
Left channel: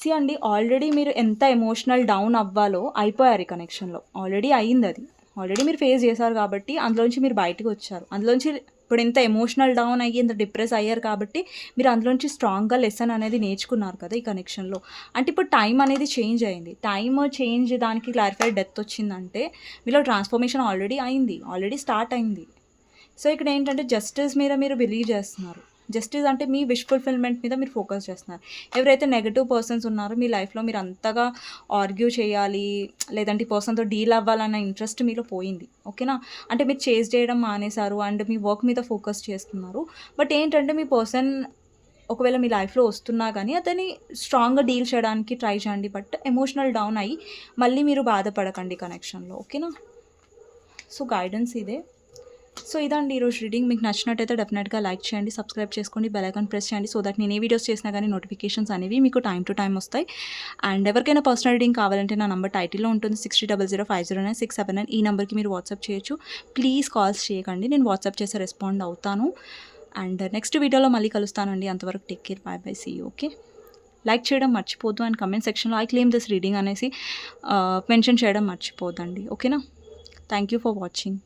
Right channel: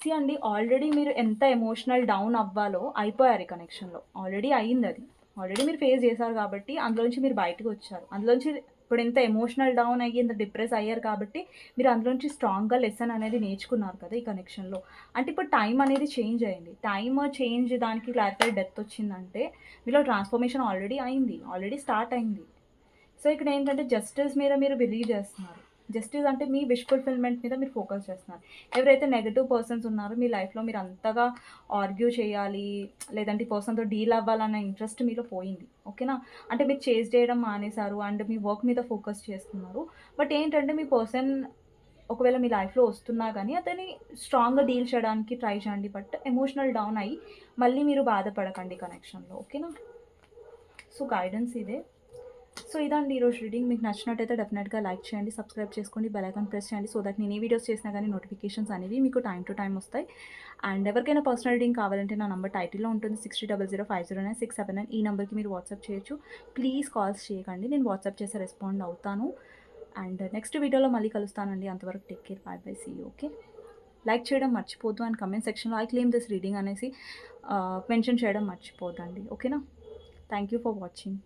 See అండి, ఆల్రెడీ మీరు ఎంత ఎమోషనల్ డౌన్ అవ్వాలో అయిపోయారు ఈ కనెక్షన్లో. ఆల్రెడీ అయ్యింది అది, ఆల్రెడీ మీరు ఫేస్ చేశారు కాబట్టి అందులోంచి మీరు బయటకు వచ్చారు. అందులోంచి ఇప్పుడు ఎంత ఎమోషనల్ డౌన్ అయ్యి ఎంత డిప్రెస్ అయ్యారు కాబట్టి మీరు అందులోంచి స్ట్రాంగ్గా లెసన్ అనేది నేర్చుకున్నారు కదా ఈ కనెక్షన్లో. అంటే ఇప్పుడు టైం అనేది చేంజ్ అయింది. టైమ్ చేంజ్ దానికి క్లారిఫై డెత్ వచ్చిందంటే మీలో ట్రాన్స్ఫర్మేషన్ ఆల్రెడీ అయింది, ఆల్రెడీ స్టార్ట్ అయింది. సో ఇక్కడ ఏంటంటే జస్టిస్ మీద మీరు బిలీవ్ చేస్తున్నారు. జస్టిస్ అంటే మీ విష్ ఫుల్ఫిల్మెంట్ మీద మీరు ఫోకస్ చేస్తున్నారు. ఎవరైతే నెగటివ్ పర్సన్స్ ఉన్నారో మీ లైఫ్లో మీరు అంతగా ఆర్గ్యూ చేయాలి లేదంటే ఈ పర్సన్తో డీల్ అవ్వాలన్న ఇంట్రెస్ట్ మీలో పోయింది. ఓకేనా, అంటే మీరు చేజ్ చేయడం మానేశారు అండ్ మీ వర్క్ మీద ఫోకస్ చేస్తున్నారు. బట్ ఏంటంటే మీ పర్సన్ ఒకవేళ మీ లైఫ్లో వస్తున్నా కానీ అతన్ని స్ట్రాంగ్గా డీల్ చేయడానికి ట్రై చేయండి. బట్ ఎమోషనల్ డౌన్ అయ్యి మళ్ళీ మీరు బాధపడకండి కనెక్షన్లో. ఓకేనా, సో గైడెన్స్ ఇదే. సో ఇదండి ఈరోజు రీడింగ్. మీకు నచ్చినట్టయితే డెఫినెట్గా లైక్ చేయండి, సబ్స్క్రైబ్ చేసుకోండి, బెల్ ఐకాన్ ప్రెస్ చేయండి. సో దట్ నేను ఏ వీడియోస్ చేసినా కానీ నోటిఫికేషన్స్ అనేవి మీకు టైం టు టైం వస్తాయి. అండ్ ఎవరికైనా పర్సనల్ రీడింగ్ కావాలంటే నా నంబర్ టైటిల్లో ఉంటుంది, 6000500967. ఈ నెంబర్కి మీరు వాట్సాప్ చేయొచ్చు. ప్లీజ్ కాల్స్ చేయకండి, నేను వాట్సాప్ చేసి రెస్పాండ్ అవుతాను. అండ్ నెక్స్ట్ వీడియోలో మళ్ళీ కలుస్తానండి. అంతవరకు take care, bye bye, see you. Okay, like చేయడం మర్చిపోద్దు అండ్ కమెంట్ సెక్షన్లో ఐ క్లెయిమ్ దిస్ రీడింగ్ అనేసి మెన్షన్ చేయడం మర్చిపోద్దండి. ఓకేనా, థ్యాంక్ యూ ఫర్ వాచింగ్.